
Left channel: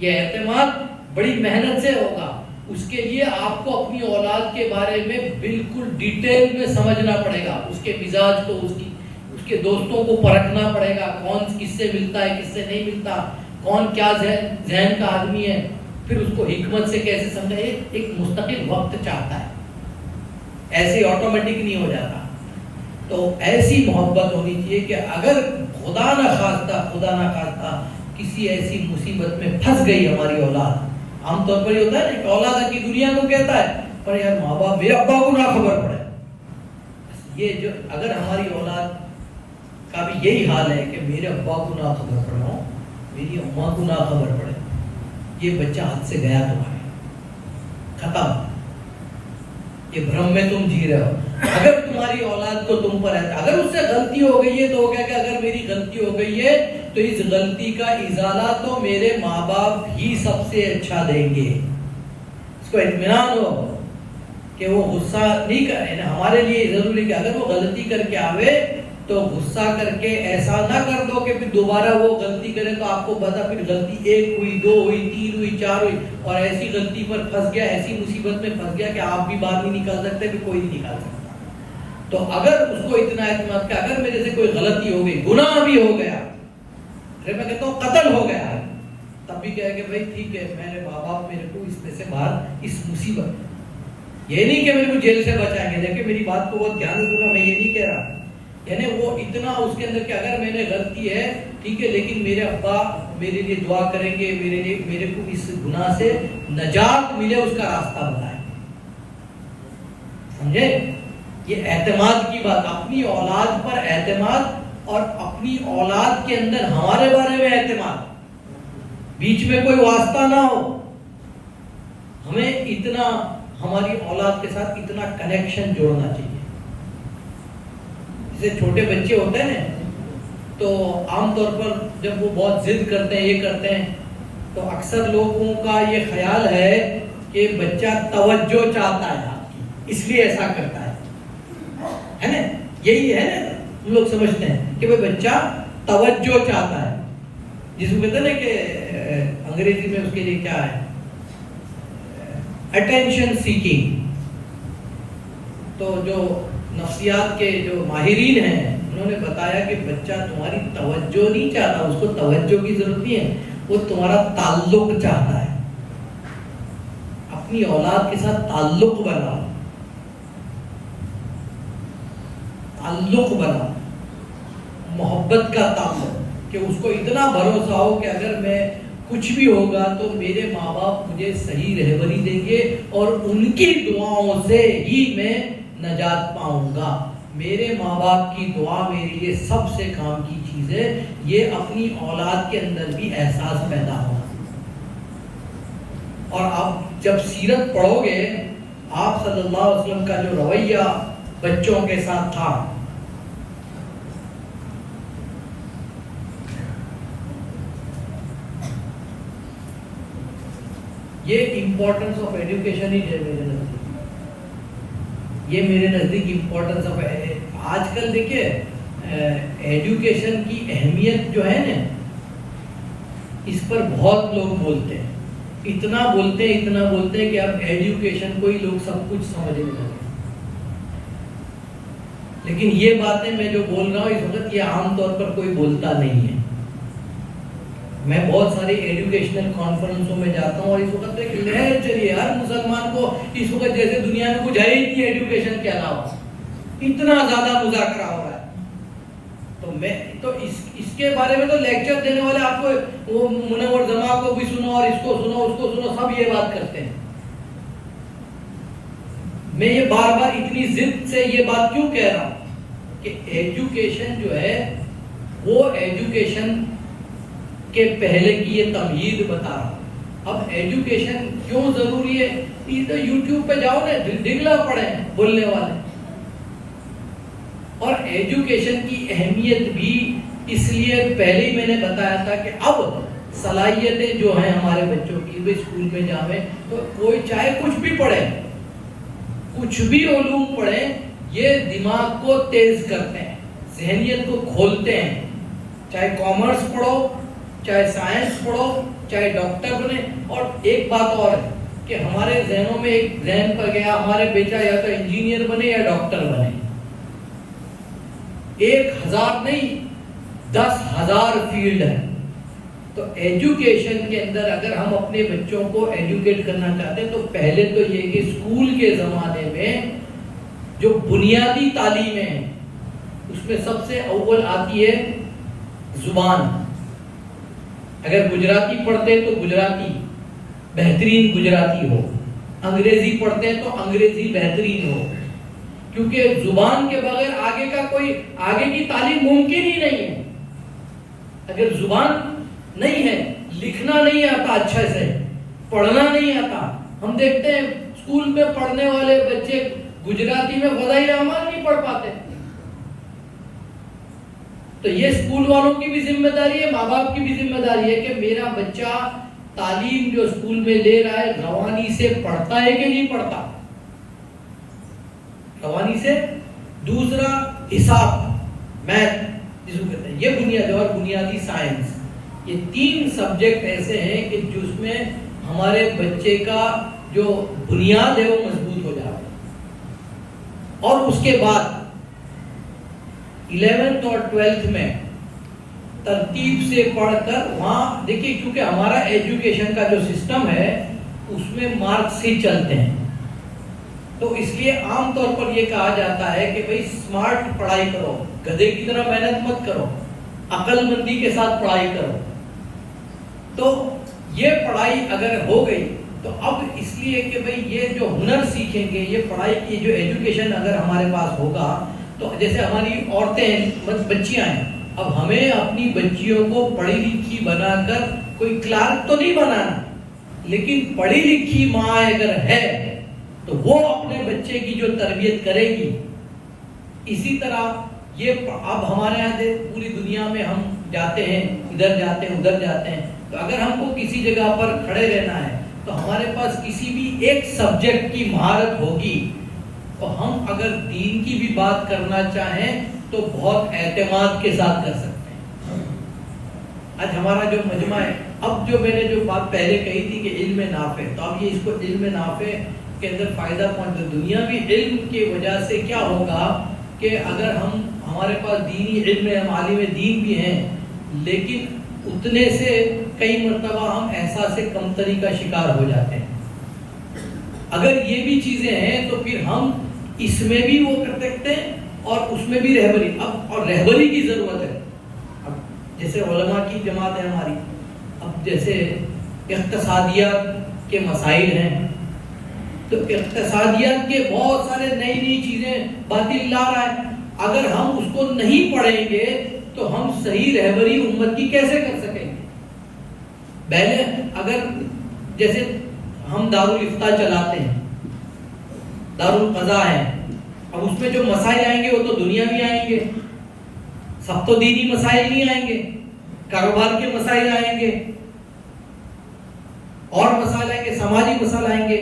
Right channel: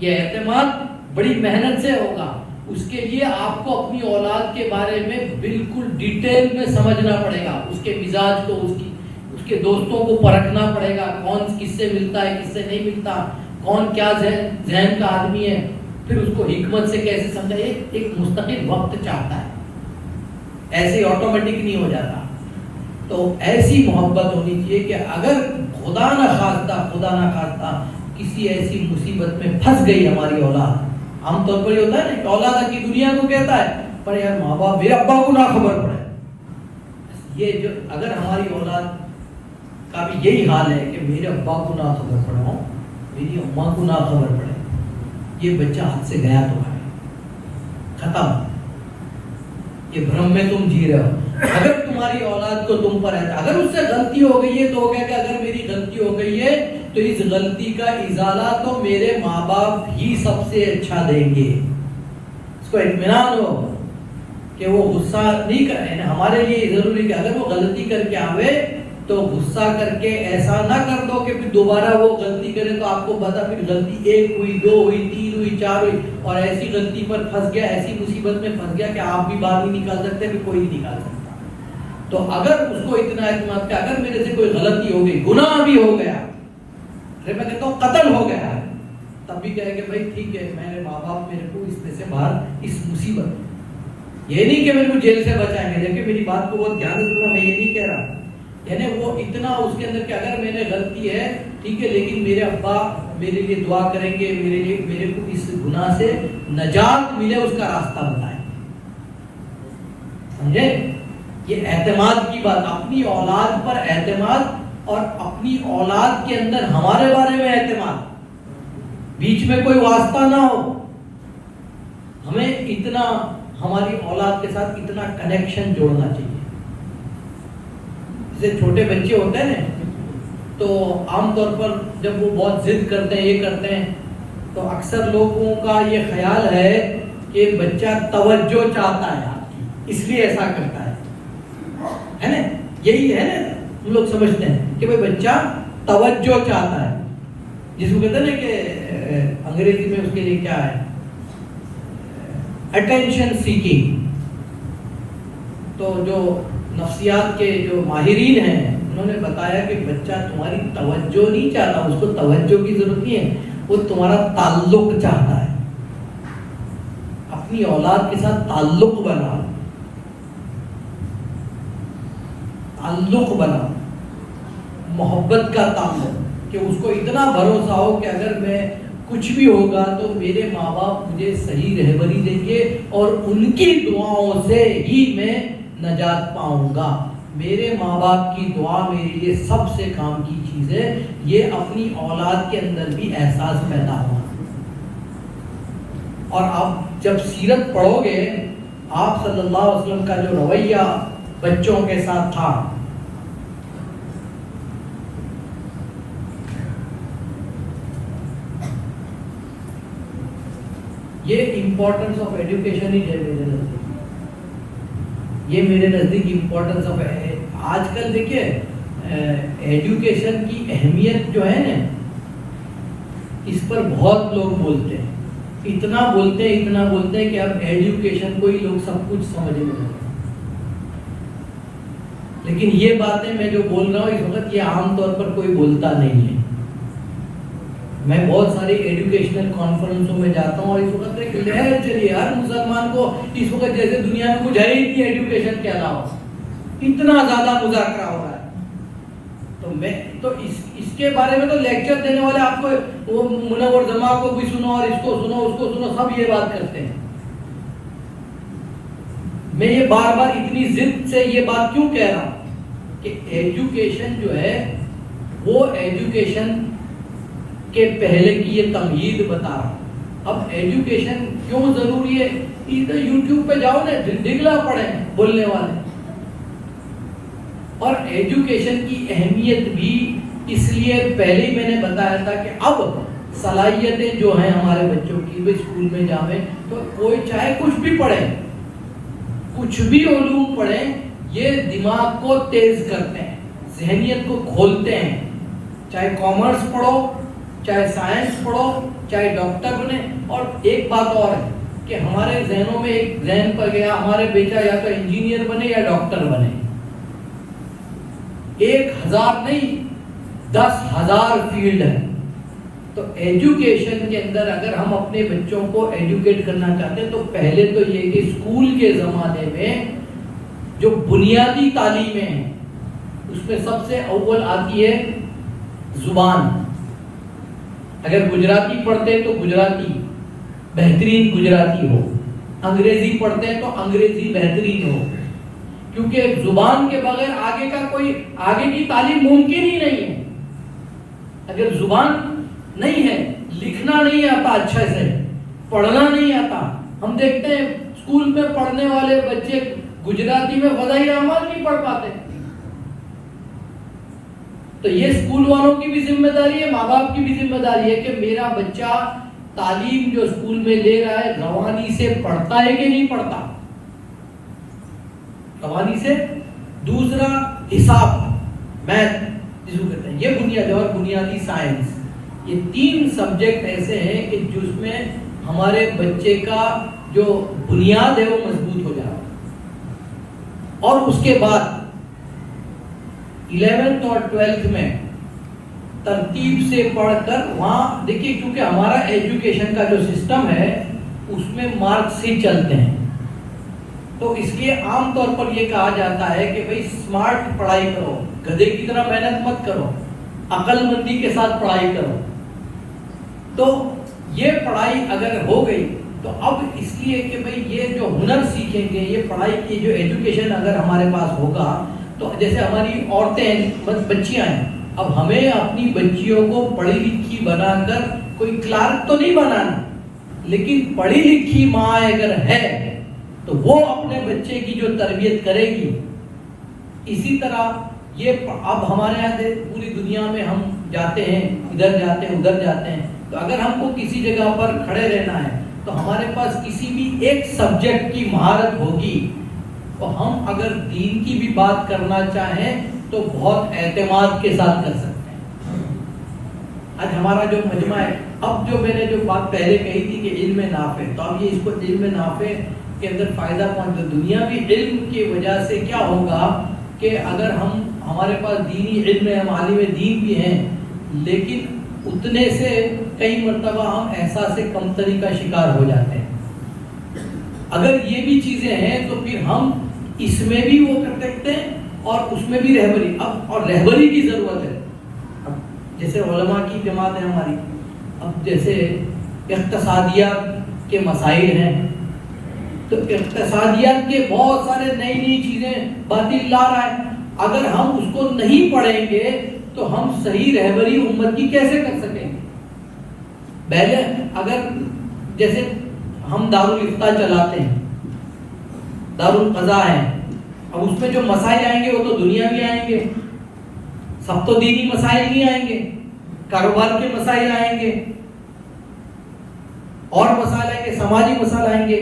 یہ اعتماد بڑی محنت سے ہوگا. اس کے لیے آپ کو اپنی اولاد کے بارے میں بالکل ڈیٹیل میں سمجھنا پڑے گا، اس کے مزاج کو، اس کے دوستوں کو پرکھنا پڑے گا، کون کس سے ملتا ہے، کس سے نہیں ملتا، کون کیا ذہن کا آدمی ہے، پھر اس کو حکمت سے کیسے سمجھا. ایک مستقل وقت چاہتا ہے، ایسے آٹومیٹک نہیں ہو جاتا. تو ایسی محبت ہونی چاہیے کہ اگر خدا نہ خواستہ کسی ایسی مصیبت میں پھنس گئی ہماری اولاد، عام طور پر یہ ہوتا ہے کہ اولاد کی دنیا کو کہتا ہے پر یار ماں باپ میرے ابا کو نہ خبر پڑے. یہ جو اگر ہماری اولاد کا بھی یہی حال ہے کہ میرے ابا کو نہ خبر پڑا، میری اماں کو نہ خبر پڑے، یہ بچہ ہاتھ سے گیا تو ہے، ختم. یہ بھرم میں تم جی رہے ہو. اگر تمہاری اولاد کو تم پر ہے، اگر اس سے غلطی ہو گئی ہے تو ہو گیا کہ اگر میری غلطی ہو گئی ہے تو اس غلطی کا ازالہ تو میرے ماں باپ ہی سب سے اچھا دیں گے. اس کو اطمینان ہو کہ وہ غصہ نہیں کریں. ہمارے لیے ضروری کہ اگر وہ غلطی کر کے آوے تو غصہ کر کے ایسا نہ کر دو کہ پھر دوبارہ وہ غلطی کرے تو آپ کو پتا پھر غلطی 1 ہوئی 2 ہوئی 3 ہوئی ہوئی 4 ہوئی اور ایسی غلطی پر پھنس گیا, ایسی مصیبت میں پھنس گیا کہ آپ بھی باہر نہیں نکال سکتے, کہ کوئی نہیں نکال سکتا. تو اگر اس کو اتنا اعتماد کہ اگر میرے سے کوئی غلطی ہو گئی, گناہ بھی ہو گیا, پھر میں کہتا ہوں قتل ہو گیا ہے, تب بھی کہے کہ بھائی ٹھیک ہے, میرے ماں باپ میرے کو اس میں سے باہر, اس مصیبت, یہ نہیں کہ میرے کو جیل سے بچائیں گے. دیکھیں میری بات کو بہت دھیان سے سننا, میں یہ نہیں کہہ رہا, یعنی وہ اتنا اس کے اندر کہ اگر میں نے غلطی ہے ٹھیک ہے, لیکن میرے ابا میرے لیے دعا کریں گے, میرے کو اس گناہ سے نجات ملے, اس کا راستہ بتائیں. سمجھے؟ یہ اعتماد کی بات, اپنی اولاد پر اعتماد اور اپنی اولاد کے اندر ہمارے بارے میں اعتماد, بیچ میں کوئی واسطہ نہ ہو. ہمیں اتنا ہماری اولاد کے ساتھ اتنا کنیکشن جوڑنا چاہیے. جیسے چھوٹے بچے ہوتے ہیں نا, تو عام طور پر جب وہ بہت ضد کرتے ہیں, یہ کرتے ہیں, تو اکثر لوگوں کا یہ خیال ہے کہ بچہ توجہ چاہتا ہے آپ کی, اس لیے ایسا کرتا ہے نا, یہی ہے نا, لوگ سمجھتے ہیں کہ بھئی بچہ توجہ چاہتا ہے, جس کو کہتے ہیں نا کہ انگریزی میں اس کے لیے کیا ہے, اٹینشن سیکنگ. تو جو نفسیات کے جو ماہرین ہیں انہوں نے بتایا کہ بچہ تمہاری توجہ نہیں چاہتا, اس کو توجہ کی ضرورت نہیں ہے, وہ تمہارا تعلق چاہتا ہے. اپنی اولاد کے ساتھ تعلق بنا, تعلق بنا, محبت کا تعلق, کہ اس کو اتنا بھروسہ ہو کہ اگر میں کچھ بھی ہوگا تو میرے ماں باپ مجھے صحیح رہبری دیں گے اور ان کی دعاؤں سے ہی میں نجات پاؤں گا. میرے ماں باپ کی دعا میرے لیے سب سے کام کی چیز ہے. یہ اپنی اولاد کے اندر بھی احساس پیدا ہو. اور آپ جب سیرت پڑھو گے, آپ صلی اللہ علیہ وسلم کا جو رویہ بچوں کے ساتھ تھا, یہ امپورٹنس آف ایجوکیشن ہی ہے میرے نزدیک. یہ میرے نزدیک امپورٹنس آف, آج کل دیکھیے ایجوکیشن کی اہمیت جو ہے نا, اس پر بہت لوگ بولتے ہیں, اتنا بولتے ہیں کہ اب ایجوکیشن کو ہی لوگ سب کچھ سمجھنے لگے. لیکن یہ باتیں میں جو بول رہا ہوں اس وقت, یہ عام طور پر کوئی بولتا نہیں ہے. میں بہت ساری ایجوکیشنل کانفرنسوں میں جاتا ہوں, اور اس وقت ایک لہر چلی ہے ہر مسلمان کو اس وقت, جیسے دنیا میں کچھ ہے ہی نہیں ایجوکیشن کے علاوہ, اتنا زیادہ مذاکرہ ہو رہا ہے. تو میں تو اس کے بارے میں تو لیکچر دینے والے آپ کو وہ منور زما کو بھی سنو, اور اس کو سنو, اس کو سنو, سب یہ بات کرتے ہیں. میں یہ بار بار اتنی ضد سے یہ بات کیوں کہہ رہا ہوں کہ ایجوکیشن جو ہے وہ ایجوکیشن کہ پہلے کی یہ تمہید بتا رہا ہوں. اب ایجوکیشن کیوں ضروری ہے, ادھر یوٹیوب پہ جاؤ نا, ڈگلا پڑے بولنے والے. اور ایجوکیشن کی اہمیت بھی اس لیے پہلے ہی میں نے بتایا تھا کہ اب صلاحیتیں جو ہیں ہمارے بچوں کی, وہ اسکول میں جاویں تو کوئی چاہے کچھ بھی پڑھے, کچھ بھی علوم پڑھے, یہ دماغ کو تیز کرتے ہیں, ذہنیت کو کھولتے ہیں. چاہے کامرس پڑھو, چاہے سائنس پڑھو, چاہے ڈاکٹر بنے. اور ایک بات اور ہے کہ ہمارے ذہنوں میں ایک ذہن پر گیا, ہمارے بیٹا یا تو انجینئر بنے یا ڈاکٹر بنے. 1000 نہیں 10,000 فیلڈ ہے. تو ایجوکیشن کے اندر اگر ہم اپنے بچوں کو ایجوکیٹ کرنا چاہتے ہیں تو پہلے تو یہ کہ اسکول کے زمانے میں جو بنیادی تعلیمیں ہیں اس میں سب سے اول آتی ہے زبان. اگر گجراتی پڑھتے ہیں تو گجراتی بہترین گجراتی ہو, انگریزی پڑھتے ہیں تو انگریزی بہترین ہو, کیونکہ زبان کے بغیر آگے کا کوئی آگے کی تعلیم ممکن ہی نہیں ہے. اگر زبان نہیں ہے, لکھنا نہیں آتا اچھے سے, پڑھنا نہیں آتا. ہم دیکھتے ہیں اسکول میں پڑھنے والے بچے گجراتی میں فضائل اعمال نہیں پڑھ پاتے. تو یہ اسکول والوں کی بھی ذمہ داری ہے, ماں باپ کی بھی ذمہ داری ہے کہ میرا بچہ تعلیم جو اسکول میں لے رہا ہے روانی سے پڑھتا ہے کہ نہیں پڑھتا. روانی سے. دوسرا حساب, میتھ جس کو کہتے ہیں, یہ بنیاد اور بنیادی سائنس, یہ 3 سبجیکٹ ایسے ہیں کہ جس میں ہمارے بچے کا جو بنیاد ہے وہ مضبوط ہو جائے. اور اس کے بعد 11th اور 12th میں ترتیب سے پڑھ کر وہاں دیکھیے، کیونکہ ہمارا ایجوکیشن کا جو سسٹم ہے اس میں مارکس ہی چلتے ہیں، تو اس لیے عام طور پر یہ کہا جاتا ہے کہ بھئی اسمارٹ پڑھائی کرو، گدھے کی طرح محنت مت کرو، عقل مندی کے ساتھ پڑھائی کرو. تو یہ پڑھائی اگر ہو گئی تو اب اس لیے کہ بھئی یہ جو ہنر سیکھیں گے، یہ پڑھائی کی جو ایجوکیشن اگر ہمارے پاس ہوگا، تو جیسے ہماری عورتیں بچیاں ہیں، اب ہمیں اپنی بچیوں کو پڑھی لکھی بنا کر کوئی کلارک تو نہیں بنانا، لیکن پڑھی لکھی ماں اگر ہے تو وہ اپنے بچے کی جو تربیت کرے گی. اسی طرح یہ اب ہمارے یہاں پوری دنیا میں ہم جاتے ہیں، ادھر جاتے ہیں ادھر جاتے ہیں، تو اگر ہم کو کسی جگہ پر کھڑے رہنا ہے تو ہمارے پاس کسی بھی ایک سبجیکٹ کی مہارت ہوگی، تو ہم اگر دین کی بھی بات کرنا چاہیں تو بہت اعتماد کے ساتھ کر سکتے ہیں. آج ہمارا جو مجمع ہے، اب جو میں نے جو بات پہلے کہی تھی کہ علم نافع، تو اب یہ اس کو علم نافع کے اندر فائدہ پہنچے. دنیاوی علم کی وجہ سے کیا ہوگا کہ اگر ہمارے پاس دینی علم ہے، ہم عالم دین بھی ہیں، لیکن اتنے سے کئی مرتبہ ہم احساس کمتری کا شکار ہو جاتے ہیں. اگر یہ بھی چیزیں ہیں تو پھر ہم اس میں بھی وہ کر سکتے ہیں اور اس میں بھی رہبری. اب اور رہبری کی ضرورت ہے. اب جیسے علماء کی جماعت ہے ہماری، اب جیسے اقتصادیات کے مسائل ہیں، تو اقتصادیات کے بہت سارے نئی نئی چیزیں باطل لا رہا ہے. اگر ہم اس کو نہیں پڑھیں گے تو ہم صحیح رہبری امت کی کیسے کر سکیں گے؟ پہلے اگر جیسے ہم دارالفتہ چلاتے ہیں، دارالقضاء ہے، اب اس میں جو مسائل آئیں گے وہ تو دنیا بھی آئیں گے، سب تو دینی مسائل نہیں آئیں گے، کاروبار کے مسائل آئیں گے، اور مسائل آئیں گے، سماجی مسائل آئیں گے.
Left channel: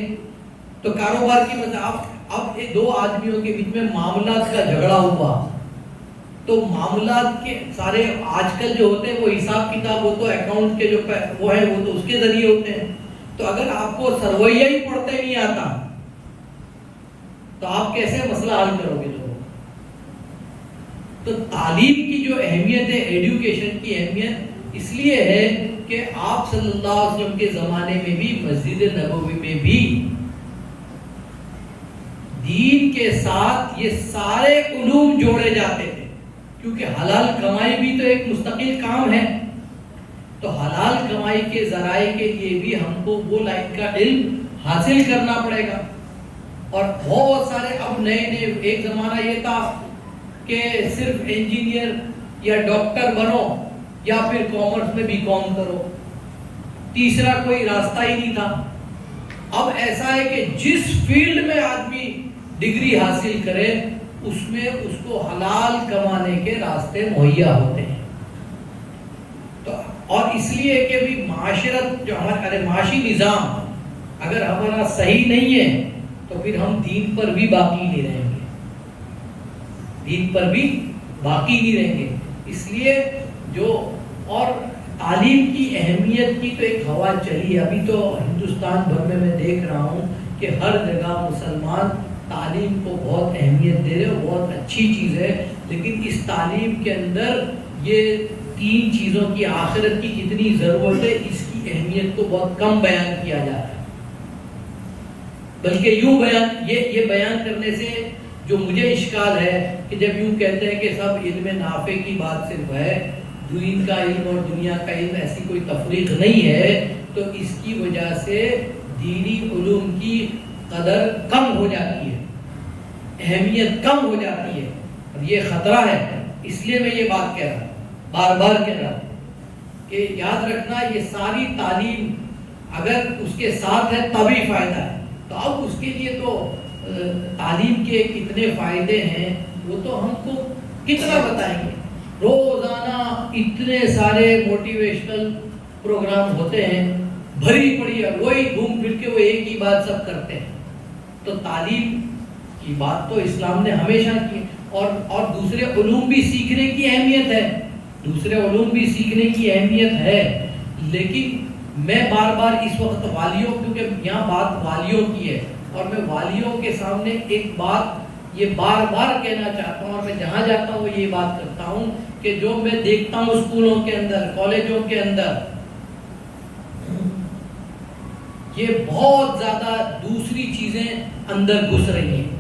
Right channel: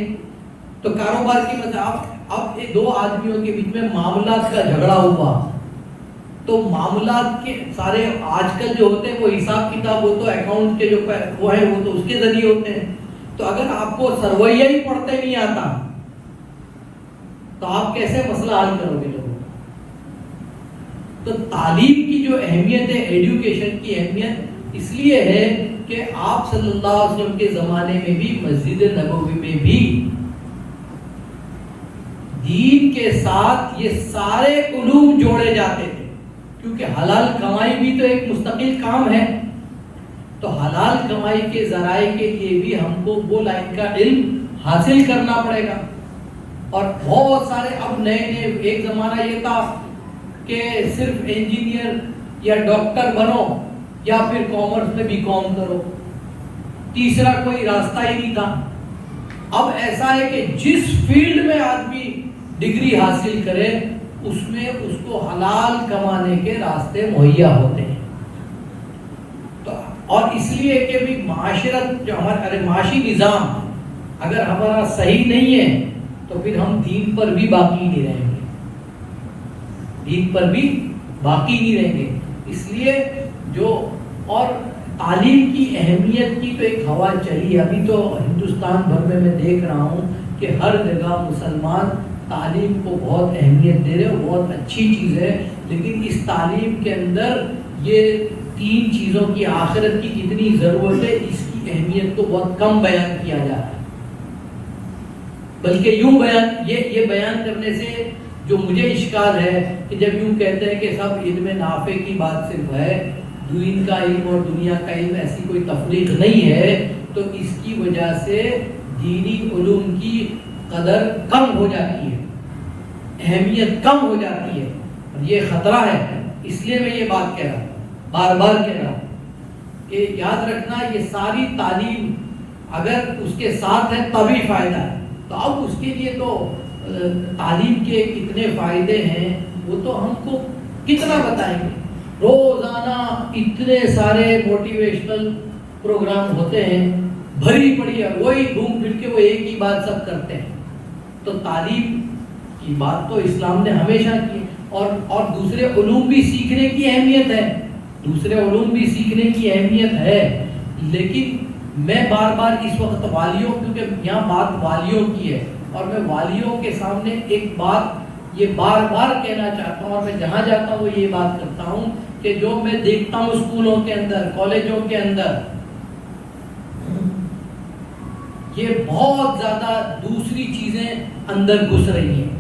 تو کاروبار کی اب یہ دو آدمیوں کے بیچ میں معاملات کا جھگڑا ہوا، تو معاملات کے سارے آج کل جو ہوتے ہیں وہ حساب کتاب ہو تو اکاؤنٹ کے جو وہ ہے وہ تو اس کے ذریعے ہوتے ہیں. تو اگر آپ کو سرویہ ہی پڑھتے نہیں آتا تو آپ کیسے مسئلہ حل کرو گے لوگوں؟ تو تعلیم کی جو اہمیت ہے، ایجوکیشن کی اہمیت اس لیے ہے کہ آپ صلی اللہ علیہ وسلم کے زمانے میں بھی مسجد نبوی میں بھی دین کے ساتھ یہ سارے علوم جوڑے جاتے تھے، کیونکہ حلال کمائی بھی تو ایک مستقل کام ہے. تو حلال کمائی کے ذرائع کے لیے بھی ہم کو وہ لائن کا علم حاصل کرنا پڑے گا. اور بہت سارے اب نئے ایک زمانہ یہ تھا کہ صرف انجینئر یا ڈاکٹر بنو یا پھر کامرس میں BCom کرو، تیسرا کوئی راستہ ہی نہیں تھا. اب ایسا ہے کہ جس فیلڈ میں آدمی ڈگری حاصل کرے اس میں اس کو حلال کمانے کے راستے مہیا ہوتے ہیں. تو اور اس لیے کہ بھی معاشرت جو ہمارا معاشی نظام اگر ہمارا صحیح نہیں ہے تو پھر ہم دین پر بھی باقی نہیں رہیں گے، دین پر بھی باقی نہیں رہیں گے. اس لیے جو اور تعلیم کی اہمیت کی تو ایک ہوا چلی. ابھی تو ہندوستان بھر میں دیکھ رہا ہوں کہ ہر جگہ مسلمان تعلیم کو بہت اہمیت دے رہے ہیں، بہت اچھی چیز ہے. لیکن اس تعلیم کے اندر یہ تین چیزوں کی آخرت کی کتنی ضرورت ہے اس کی اہمیت کو بہت کم بیان کیا جا رہا ہے. بلکہ یوں یہ بیان کرنے سے جو مجھے اشکال ہے کہ جب یوں کہتے ہیں کہ سب علم نافع کی بات صرف ہے، دین کا علم اور دنیا کا علم، ایسی کوئی تفریق نہیں ہے، تو اس کی وجہ سے دینی علوم کی قدر کم ہو جاتی ہے، اہمیت کم ہو جاتی ہے. یہ خطرہ ہے. اس لیے میں یہ بات کہہ رہا ہوں، بار بار کہہ رہا ہوں کہ یاد رکھنا یہ ساری تعلیم اگر اس کے ساتھ ہے تبھی فائدہ ہے. تو اب اس کے لیے تو تعلیم کے کتنے فائدے ہیں وہ تو ہم کو کتنا بتائیں گے. روزانہ اتنے سارے موٹیویشنل پروگرام ہوتے ہیں، بھری پڑی ہے، وہی گھوم پھر کے وہ ایک ہی بات سب کرتے ہیں. تو تعلیم کی بات تو اسلام نے ہمیشہ کی، اور دوسرے علوم بھی سیکھنے کی اہمیت ہے، دوسرے علوم بھی سیکھنے کی اہمیت ہے. لیکن میں بار بار اس وقت والیوں، کیونکہ یہاں بات والیوں کی ہے، اور میں والیوں کے سامنے ایک بات یہ بار بار کہنا چاہتا ہوں، اور میں جہاں جاتا ہوں یہ بات کرتا ہوں کہ جو میں دیکھتا ہوں اسکولوں کے اندر، کالجوں کے اندر، یہ بہت زیادہ دوسری چیزیں اندر گھس رہی ہیں.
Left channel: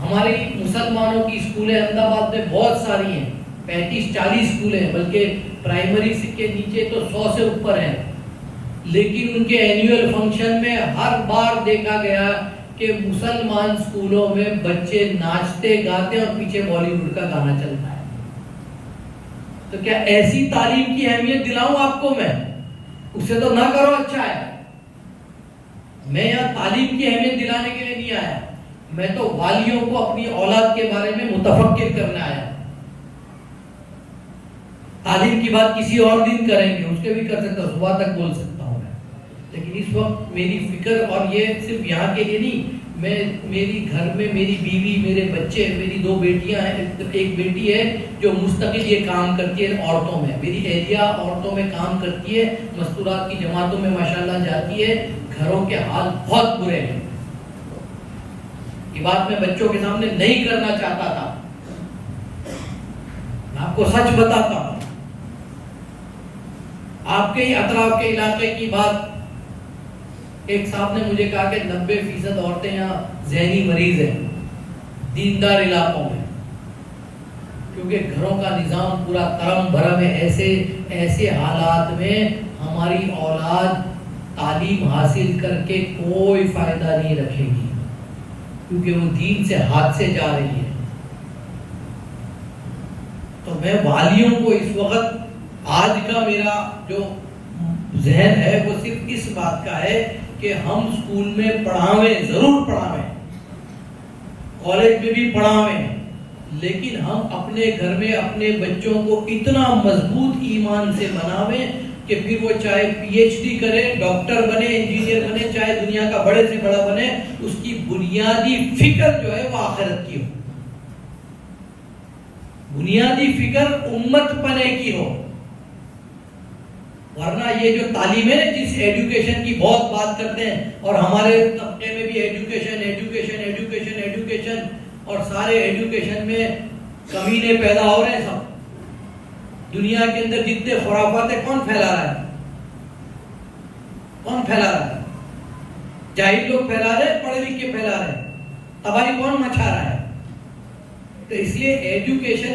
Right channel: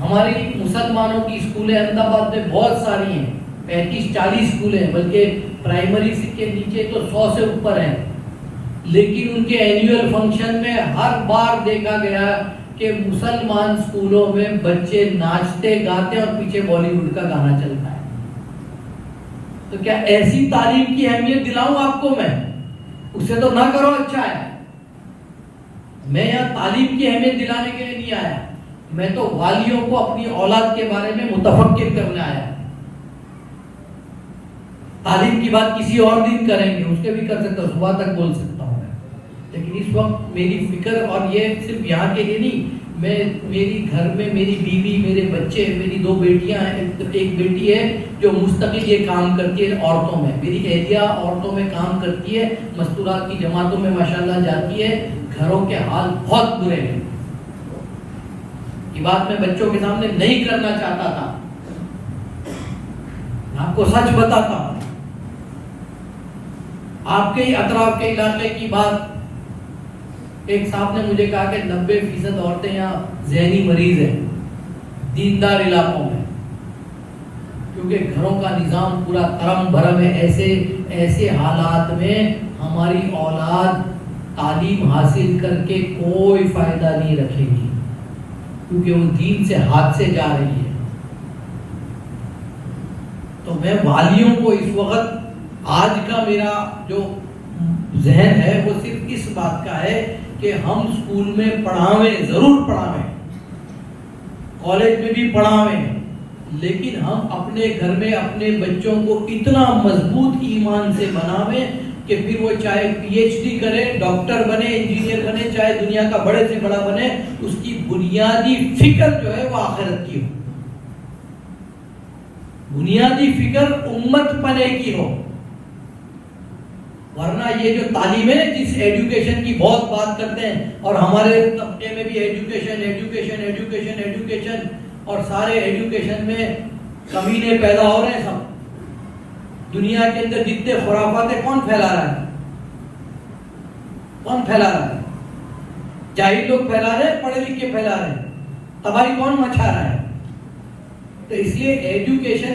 ہماری مسلمانوں کی اسکولیں احمد آباد میں بہت ساری ہیں، 35-40 اسکولیں ہیں، بلکہ پرائمری کے نیچے تو 100 سے اوپر ہیں. لیکن ان کے اینیول فنکشن میں ہر بار دیکھا گیا کہ مسلمان اسکولوں میں بچے ناچتے گاتے اور پیچھے بالی ووڈ کا گانا چلتا ہے. تو کیا ایسی تعلیم کی اہمیت دلاؤں آپ کو میں؟ اسے تو نہ کرو، اچھا ہے. میں یہاں تعلیم کی اہمیت دلانے کے لیے نہیں آیا، میں تو والیوں کو اپنی اولاد کے بارے میں متفکر کرنے آیا. تعلیم کی بات کسی اور دن کریں گے، اس کے بھی کر سکتا ہوں، صبح تک بول سکتا ہوں میں. لیکن اس وقت میری فکر، اور یہ صرف یہاں کے لیے نہیں، میری گھر میں میری بیوی، میرے بچے، میری 2 بیٹیاں ہیں، ایک بیٹی ہے جو مستقل یہ کام کرتی ہے عورتوں میں، میری اہلیہ عورتوں میں کام کرتی ہے، مستورات کی جماعتوں میں ماشاءاللہ جاتی ہے. گھروں کے حال بہت برے ہیں. یہ بات میں بچوں کے سامنے نہیں کرنا چاہتا تھا، آپ کو سچ بتاتا ہوں. آپ کے اطراف کے علاقے کی بات، ایک صاحب نے مجھے کہا کہ 90% عورتیں یہاں ذہنی مریض ہیں دیندار علاقوں میں، کیونکہ گھروں کا نظام پورا کرم بھرم ہے. ایسے حالات میں ہماری اولاد تعلیم حاصل کر کے کوئی فائدہ نہیں رکھے گی، کیونکہ وہ دین سے ہاتھ سے جا رہی ہے. تو میں والیوں کو اس وقت، آج کا میرا جو ذہن ہے وہ صرف اس بات کا ہے کہ ہم اسکول میں پڑھاویں، ضرور پڑھاویں، کالج میں بھی پڑھاویں، لیکن ہم اپنے گھر میں اپنے بچوں کو اتنا مضبوط ایمان سے بناویں کہ پھر وہ چاہے PhD کرے، ڈاکٹر بنے، انجینئر بنے، چاہے دنیا کا بڑے سے بڑا بنے، اس کی بنیادی فکر جو ہے وہ آخرت کی ہو، بنیادی فکر امت پنے کی ہو. ورنہ یہ جو تعلیم ہے، جس ایجوکیشن کی بہت بات کرتے ہیں، اور ہمارے طبقے میں بھی ایجوکیشن، اور سارے ایجوکیشن میں کمینے پیدا ہو رہے ہیں. سب دنیا کے اندر جتنے خرافات ہیں، کون پھیلا رہا ہے؟ کون پھیلا رہا ہے؟ جاہل لوگ پھیلا رہے ہیں، پڑھے لکھے پھیلا رہے ہیں. تباہی کون مچا رہا ہے؟ تو اس لیے ایجوکیشن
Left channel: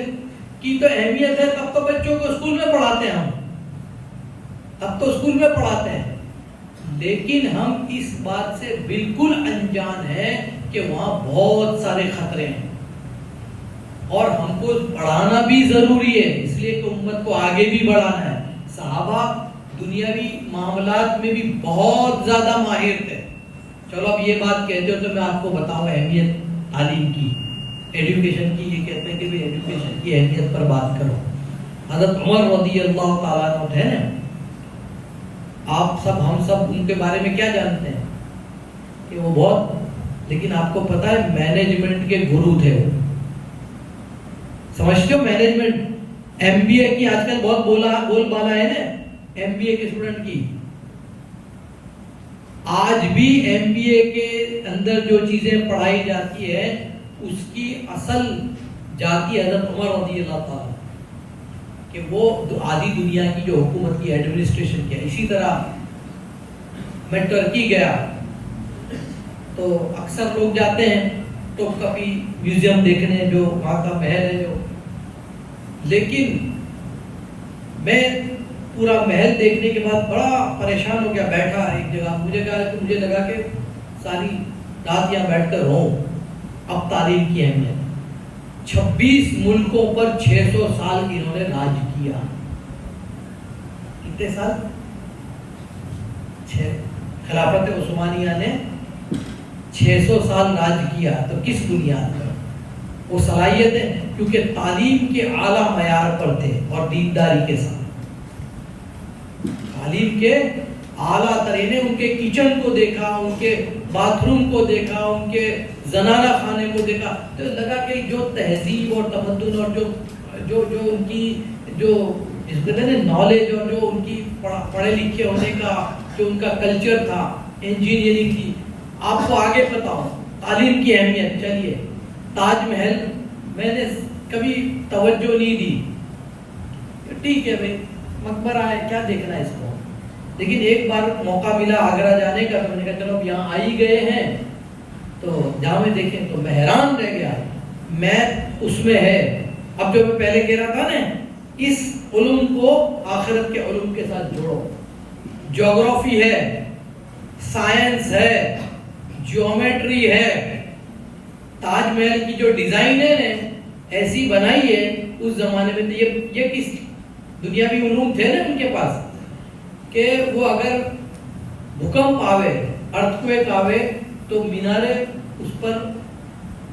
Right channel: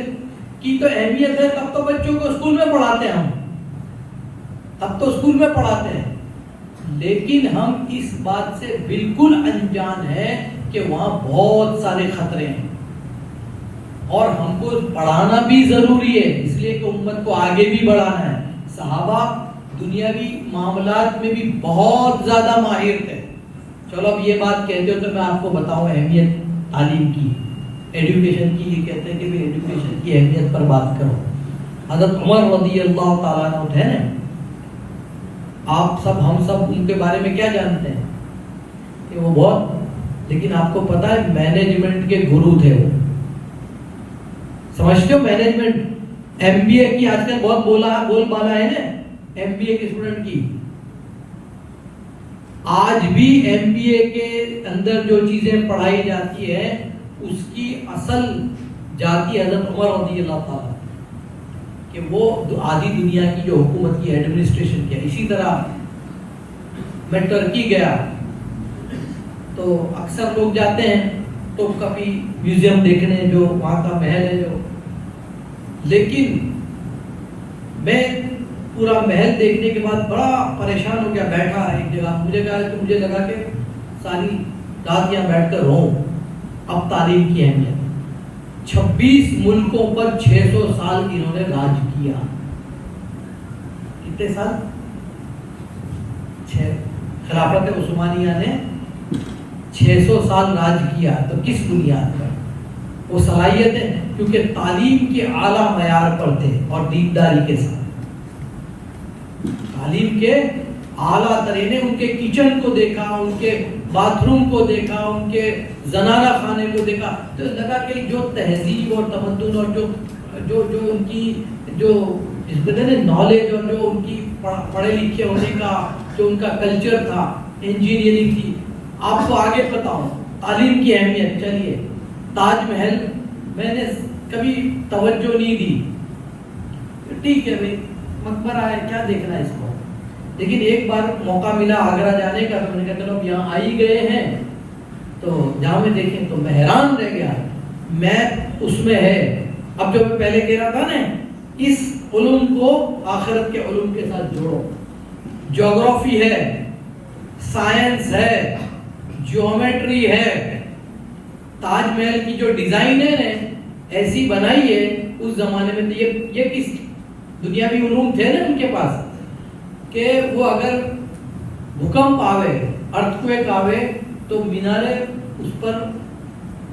کی تو اہمیت ہے. تب تو بچوں کو اسکول میں پڑھاتے ہیں، ہم تب تو اسکول میں پڑھاتے ہیں، لیکن ہم اس بات سے بالکل انجان ہیں کہ وہاں بہت سارے خطرے ہیں، اور ہم کو پڑھانا بھی ضروری ہے، اس لیے کہ امت کو آگے بھی بڑھانا ہے. صحابہ دنیاوی معاملات میں بھی بہت زیادہ ماہر تھے. چلو اب یہ بات کہتے ہو تو میں آپ کو بتاؤں اہمیت تعلیم کی، ایجوکیشن کی. یہ کہتے ہیں کہ بھی ایجوکیشن کی اہمیت پر بات کرو. حضرت عمر رضی اللہ تعالیٰ عنہ تھے نا، آپ سب، ہم سب ان کے بارے میں کیا جانتے ہیں کہ وہ بہت، لیکن آپ کو پتا ہے مینجمنٹ کے گرو تھے وہ. سمجھتے ہو مینجمنٹ، MBA کی آج کل بہت بول بالا ہے نا، MBA کے اسٹوڈنٹ کی. آج بھی MBA کے اندر جو چیزیں پڑھائی جاتی ہے اس کی اصل جاتی حضرت عمر رضی اللہ تعالیٰ، کہ وہ آدھی دنیا کی جو حکومت کی ایڈمنسٹریشن کیا. اسی طرح میں ٹرکی گیا تو اکثر لوگ جاتے ہیں تو کبھی میوزیم دیکھنے، جو وہاں کا محل ہے جو، لیکن میں پورا محل دیکھنے کے بعد بڑا پریشان ہو گیا. بیٹھا ایک جگہ، مجھے لگا کہ ساری رات یہاں بیٹھ کر رہوں. اب تعلیم کی اہمیت، 26 ملکوں پر 600 سال انہوں نے راج کیا. کتنے سال؟ 6. خلافت عثمانیہ نے 600 سال راج کیا. تو کس بنیاد پر؟ وہ صلاحیتیں کیونکہ تعلیم کے اعلیٰ معیار پر تھے اور دینداری کے ساتھ. تعلیم کے اعلیٰ ترین، ان کے کچن کو دیکھا، ان کے باتھ روم کو دیکھا، ان کے زنانہ خانے کو دیکھا، تو لگا کہ جو تہذیب اور تمدن اور جو ان کی جو اس کو کہتے ہیں نالج، اور جو ان کی پڑھے لکھے ہونے کا جو ان کا کلچر تھا، انجینئرنگ کی. آپ کو آگے بتاؤں تعلیم کی اہمیت. چلیے تاج محل میں نے کبھی توجہ نہیں دی، ٹھیک ہے بھائی مقبرہ ہے کیا دیکھنا ہے اس کو، لیکن ایک بار موقع ملا آگرہ جانے کا تو میں نے کہا چلو یہاں آئی گئے ہیں تو جہاں میں دیکھیں تو میں حیران رہ گیا. میپ اس میں ہے. اب جو میں پہلے کہہ رہا تھا نا، اس علوم کو آخرت کے علوم کے ساتھ جوڑو. جیوگرافی ہے، سائنس ہے، جیومیٹری ہے. تاج محل کی جو ڈیزائن ہے نا ایسی بنائی ہے اس زمانے میں. یہ کس دنیاوی علوم تھے نا ان کے پاس کہ وہ اگر بھوکمپ آوے، ارتھکویک آوے تو مینارے اس پر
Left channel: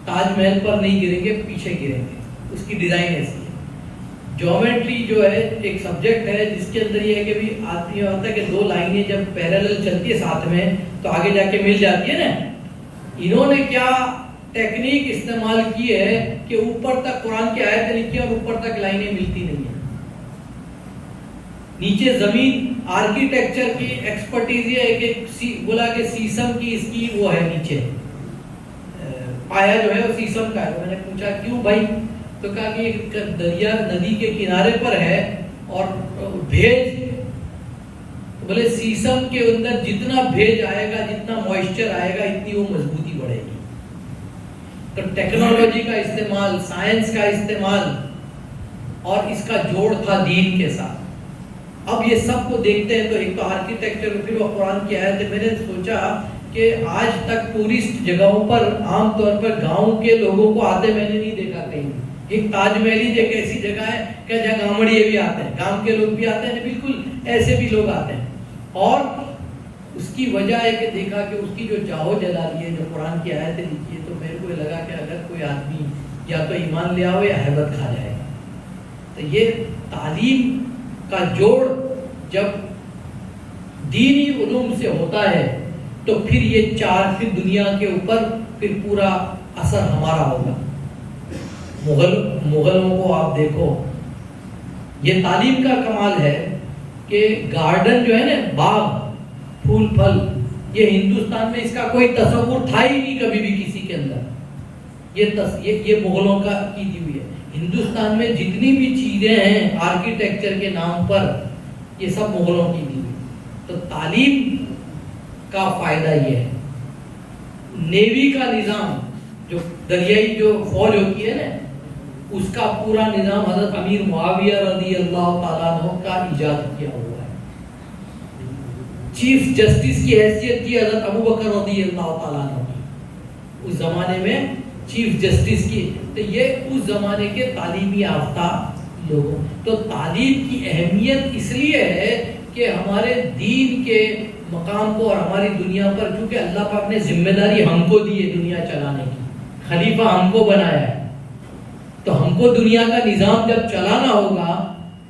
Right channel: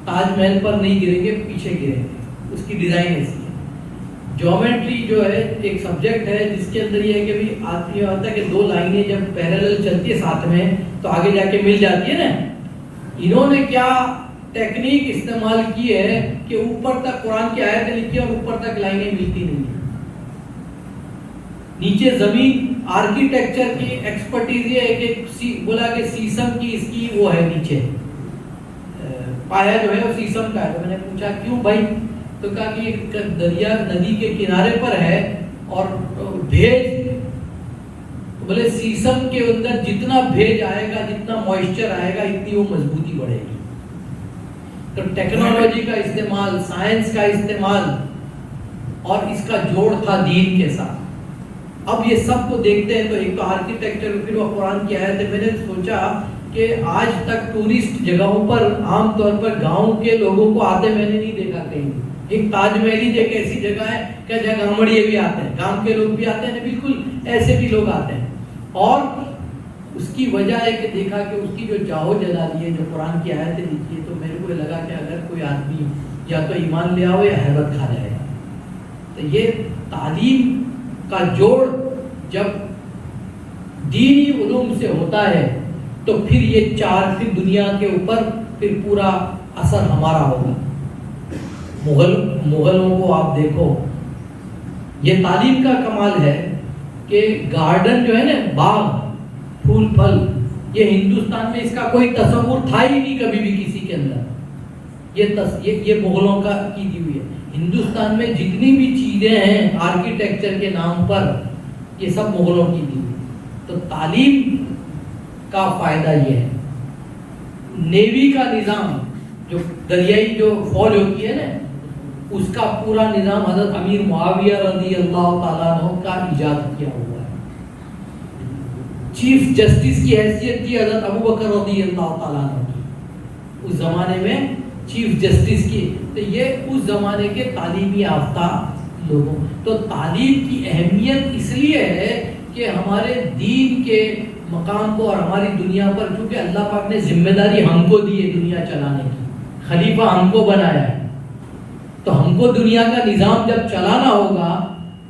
تاج محل پر نہیں گریں گے، پیچھے گریں گے. اس کی ڈیزائن ایسی ہے. جیومیٹری جو ہے ایک سبجیکٹ ہے جس کے اندر یہ ہے کہ بھی آدمی ہوتا ہے کہ دو لائنیں جب پیرالل چلتی ہے ساتھ میں تو آگے جا کے مل جاتی ہے نا. انہوں نے کیا ٹیکنیک استعمال کی ہے کہ اوپر تک قرآن کی آیتیں لکھی اور اوپر تک لائنیں ملتی نہیں ہیں. نیچے زمین آرکیٹیکچر کی ایکسپرٹیز یہ ہے کہ بولا کہ سیسم کی اس کی وہ ہے نیچے پایا جو ہے وہ سیسم کا ہے. میں نے پوچھا کیوں بھائی؟ تو کہا کہ ایک دریا ندی کے کنارے پر ہے اور بھیج، بولے سیسم کے اندر جتنا بھیج آئے گا، جتنا موئسچر آئے گا، اتنی وہ مضبوطی بڑھے گی. تو ٹیکنالوجی کا استعمال، سائنس کا استعمال، اور اس کا جوڑ تھا دین کے ساتھ. اب یہ سب کو دیکھتے ہیں تو ایک تو آرکیٹیکچر، پھر وہ قرآن کی آیت ہے. میں نے سوچا کہ آج تک ٹورسٹ جگہوں پر عام طور پر گاؤں کے لوگوں کو آتے میں نے نہیں دیکھا کہیں. ایک تاج محل ہی ایک ایسی جگہ ہے کہ جہاں گامڑیے بھی آتے ہیں، گاؤں کے لوگ بھی آتے ہیں، بالکل ایسے بھی لوگ آتے ہیں. اور اس کی وجہ ہے کہ دیکھا کہ اس کی جو جاہو جلالی ہے، جو قرآن کی آیتیں لکھی ہے، تو میرے کو لگا کہ اگر کوئی آدمی یا تو ایمان لے آؤ یا ہیبت کھا جائے. تو یہ تعلیم کا جوڑ جب دینی علوم سے ہوتا ہے تو پھر یہ چار پھر دنیا کے اوپر پھر پورا اثر ہمارا ہوگا. مغلوں کو آپ دیکھو، یہ تعلیم کا کمال ہے کہ گارڈن جو ہے نا، باغ، پھول پھل، یہ ہندوستان میں اس کا کوئی تصور تھا ہی نہیں کبھی بھی کسی کے اندر. یہ مغلوں کا کی دی ہوئی ہے. ہندوستان میں جتنی بھی چیزیں ہیں آرکیٹیکچر کے نام پر، یہ سب مغلوں کی دی ہوئی. تو تعلیم کا فائدہ یہ ہے. نیوی کا نظام، جو دریائی جو فوج ہوتی ہے نا، اس کا پورا نظام حضرت امیر معاویہ رضی اللہ تعالیٰ عنہ کا ایجاد کیا ہوا ہے. چیف جسٹس کی حیثیت کی حضرت ابو بکر رضی اللہ تعالیٰ عنہ کی اس زمانے میں چیف جسٹس کی. تو یہ اس زمانے کے تعلیمی یافتہ لوگوں. تو تعلیم کی اہمیت اس لیے ہے کہ ہمارے دین کے مقام کو اور ہماری دنیا پر، چونکہ اللہ پاک نے ذمہ داری ہم کو دی ہے دنیا چلانے کی، خلیفہ ہم کو بنایا ہے، تو ہم کو دنیا کا نظام جب چلانا ہوگا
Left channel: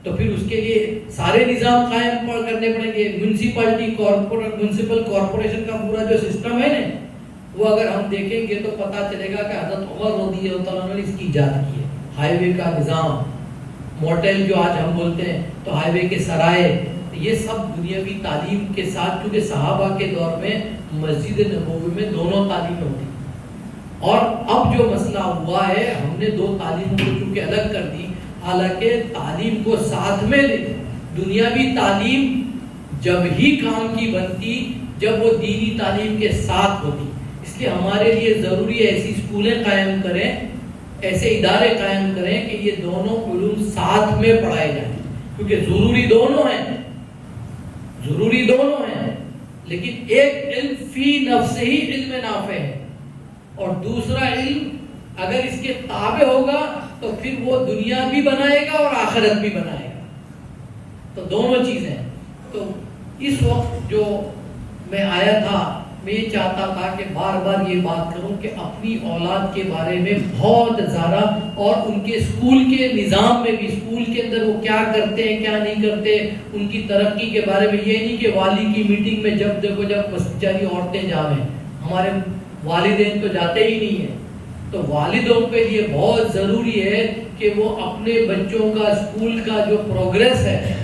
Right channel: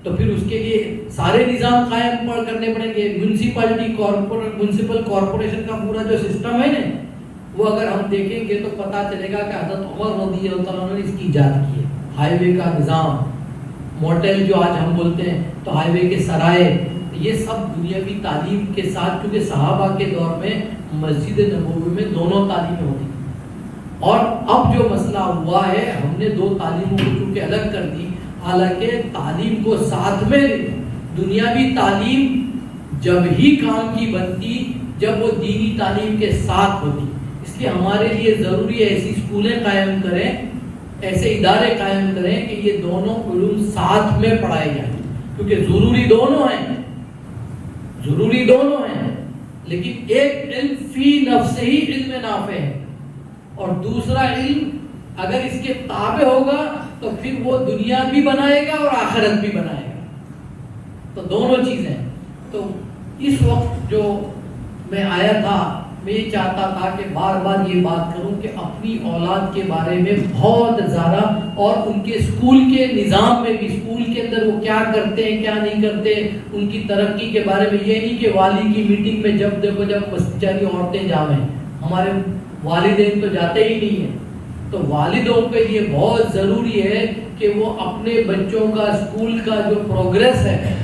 تو پھر اس کے لیے سارے نظام قائم کرنے پڑیں گے. میونسپل کارپوریشن کا پورا جو سسٹم ہے نا، وہ اگر ہم دیکھیں گے تو پتہ چلے گا کہ حضرت عمر رضی اللہ تعالیٰ نے اس کی ایجاد کی ہے. ہائی وے کا نظام، موٹل جو آج ہم بولتے ہیں، تو ہائی وے کے سرائے، یہ سب دنیاوی تعلیم کے ساتھ، کیونکہ صحابہ کے دور میں مسجد نبوی میں دونوں تعلیمیں ہوتی تھیں. اور اب جو مسئلہ ہوا ہے، ہم نے دو تعلیموں کو چونکہ الگ کر دی، حالانکہ تعلیم کو ساتھ میں، دنیاوی تعلیم جب ہی کام کی بنتی جب وہ دینی تعلیم کے ساتھ ہوتی. اس لیے ہمارے لیے ضروری ہے ایسی اسکولیں قائم کریں، ایسے ادارے قائم کریں کہ یہ دونوں علوم ساتھ میں پڑھائے جائیں، کیونکہ ضروری دونوں ہیں. لیکن ایک علم فی نفس ہی علم نافع ہے، اور دوسرا علم اگر اس کے تابع ہوگا تو پھر وہ دنیا بھی بنائے گا اور آخرت بھی بنائے گا. تو دونوں چیزیں. تو اس وقت جو میں آیا تھا، میں یہ چاہتا تھا کہ بار بار یہ بات کروں کہ اپنی اولاد کے بارے میں بہت زیادہ، اور ان کے اسکول کے نظام میں بھی، اسکول کے اندر وہ کیا کرتے ہیں کیا نہیں کرتے، ان کی ترقی کے بارے میں. یہ نہیں کہ والی کی میٹنگ میں جب دیکھو جب بیچاری عورتیں جاویں، ہمارے والدین تو جاتے ہی نہیں ہیں. تو والدوں پہ یہ بہت ضروری ہے کہ وہ اپنے بچوں کا اسکول کا جو پروگریس ہے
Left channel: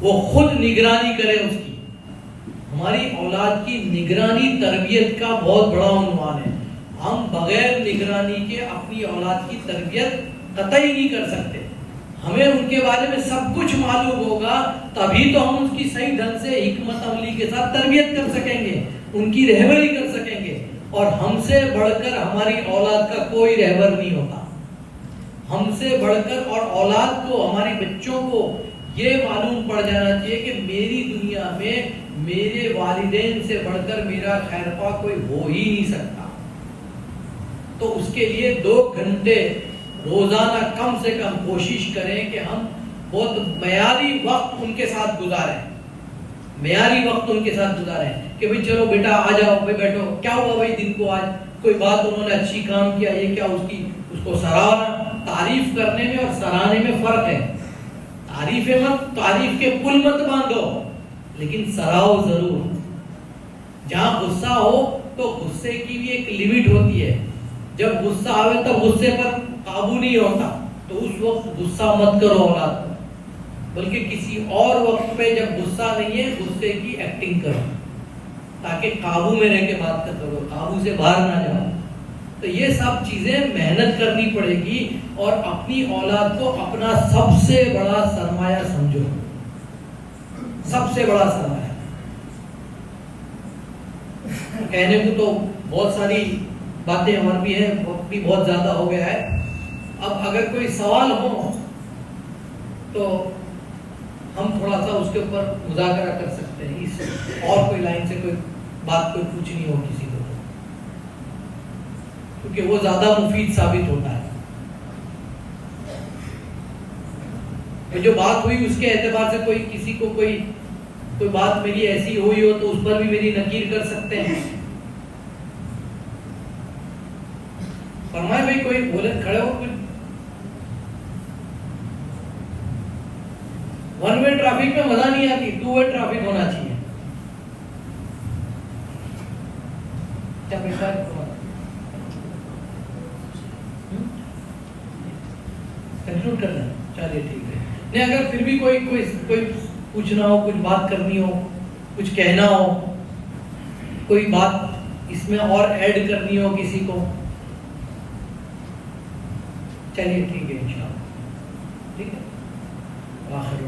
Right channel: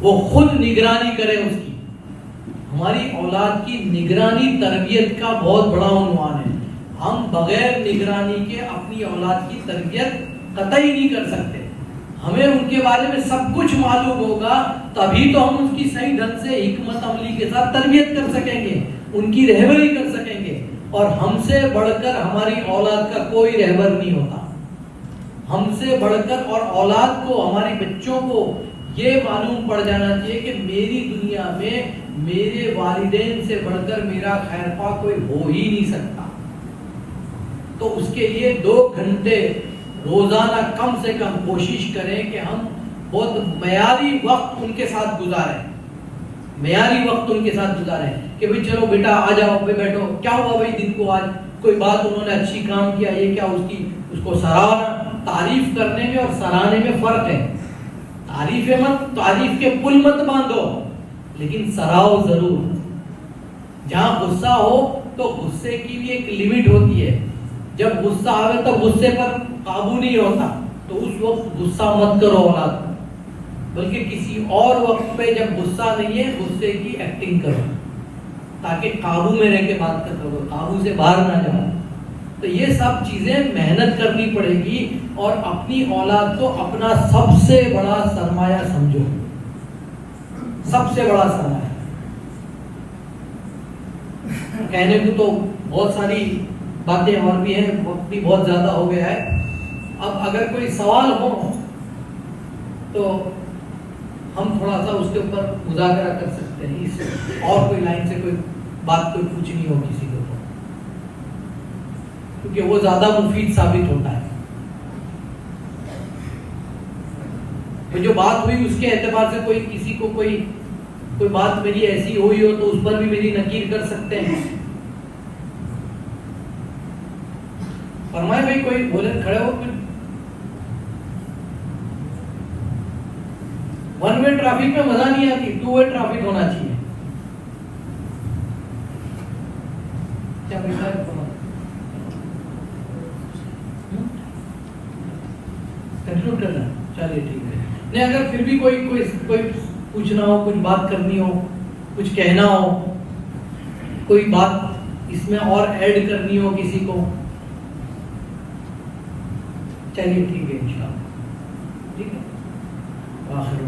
وہ خود نگرانی کریں اس کی. ہماری اولاد کی نگرانی تربیت کا بہت بڑا عنوان ہے. ہم بغیر نگرانی کے اپنی اولاد کی تربیت قطعی نہیں کر سکتے. ہمیں ان کے بارے میں سب کچھ معلوم ہوگا تبھی تو ہم اس کی صحیح ڈھنگ سے حکمت عملی کے ساتھ تربیت کر سکیں گے, ان کی رہبری کر سکیں گے. اور ہم سے بڑھ کر ہماری اولاد کا کوئی رہبر نہیں ہوتا. ہم سے بڑھ کر اور اولاد کو, ہمارے بچوں کو یہ معلوم پڑ جانا چاہیے کہ میری دنیا میں میرے والدین سے بڑھ کر میرا خیر خواہ کوئی ہو ہی نہیں سکتا. تو اس کے لیے 2 گھنٹے روزانہ کم سے کم کوشش کریں کہ ہم بہت معیاری وقت ان کے ساتھ گزاریں. معیاری وقت ان کے ساتھ گزاریں کہ بھئی چلو بیٹا آ جاؤ, بیٹھو, کیا ہوا بھائی دن کو, آج کوئی بات انہوں نے اچھی کام کیا, یہ کیا, اس کو سراہنا. تعریف کرنے میں اور سراہنے میں فرق ہے. تعریف کے پل مت باندھو, لیکن سراہو ضرور. جہاں غصہ ہو تو غصے کی بھی ایک لیمٹ ہوتی ہے. جب غصہ آوے تو غصے پر قابو نہیں ہوتا, تو اس وقت غصہ مت کرو اولاد پر, بلکہ کسی اور وقت پہ جب غصہ نہیں ہے غصے کی ایکٹنگ کرو تاکہ قابو میں رہ کے بات کر دو, قابو سے باہر نہ جاؤ. تو یہ سب چیزیں محنت کرنی پڑے گی اور اپنی اولاد کو اپنا سب سے بڑا سرمایہ سمجھو, سب سے بڑا سرمایہ. کہنے کو تو بہت ساری باتیں اور بھی ہیں, وقت بھی بہت زیادہ ہو گیا ہے. اب اگر کوئی سوال ہو تو ہم تھوڑا سا اس کے اوپر مذاکرہ کر سکتے ہیں. اس اور کوئی لائن سے کوئی بات کوئی پوچھنی ہو کسی کو, کیونکہ وہ زیادہ مفید ثابت ہوتا ہے. تو جو بات ہوئی اس کے اعتبار سے کوئی کسی کو کوئی بات میری ایسی ہوئی ہو تو اس پر بھی میری نکیر کر سکتے ہیں. فرمائے بھائی, کوئی بولے, کھڑے ہو. کوئی 1 وے ٹریفک میں مزہ نہیں آتی, 2 وے ٹریفک ہونا چاہیے. کیا پیسہ کنکلوڈ کرنا, چلیے ٹھیک ہے. نہیں, اگر پھر بھی کوئی پوچھنا ہو, کچھ بات کرنی ہو, کچھ کہنا ہو, کوئی بات اس میں اور ایڈ کرنی ہو کسی کو, چلیے ٹھیک ہے انشاءاللہ. ٹھیک ہے. آخر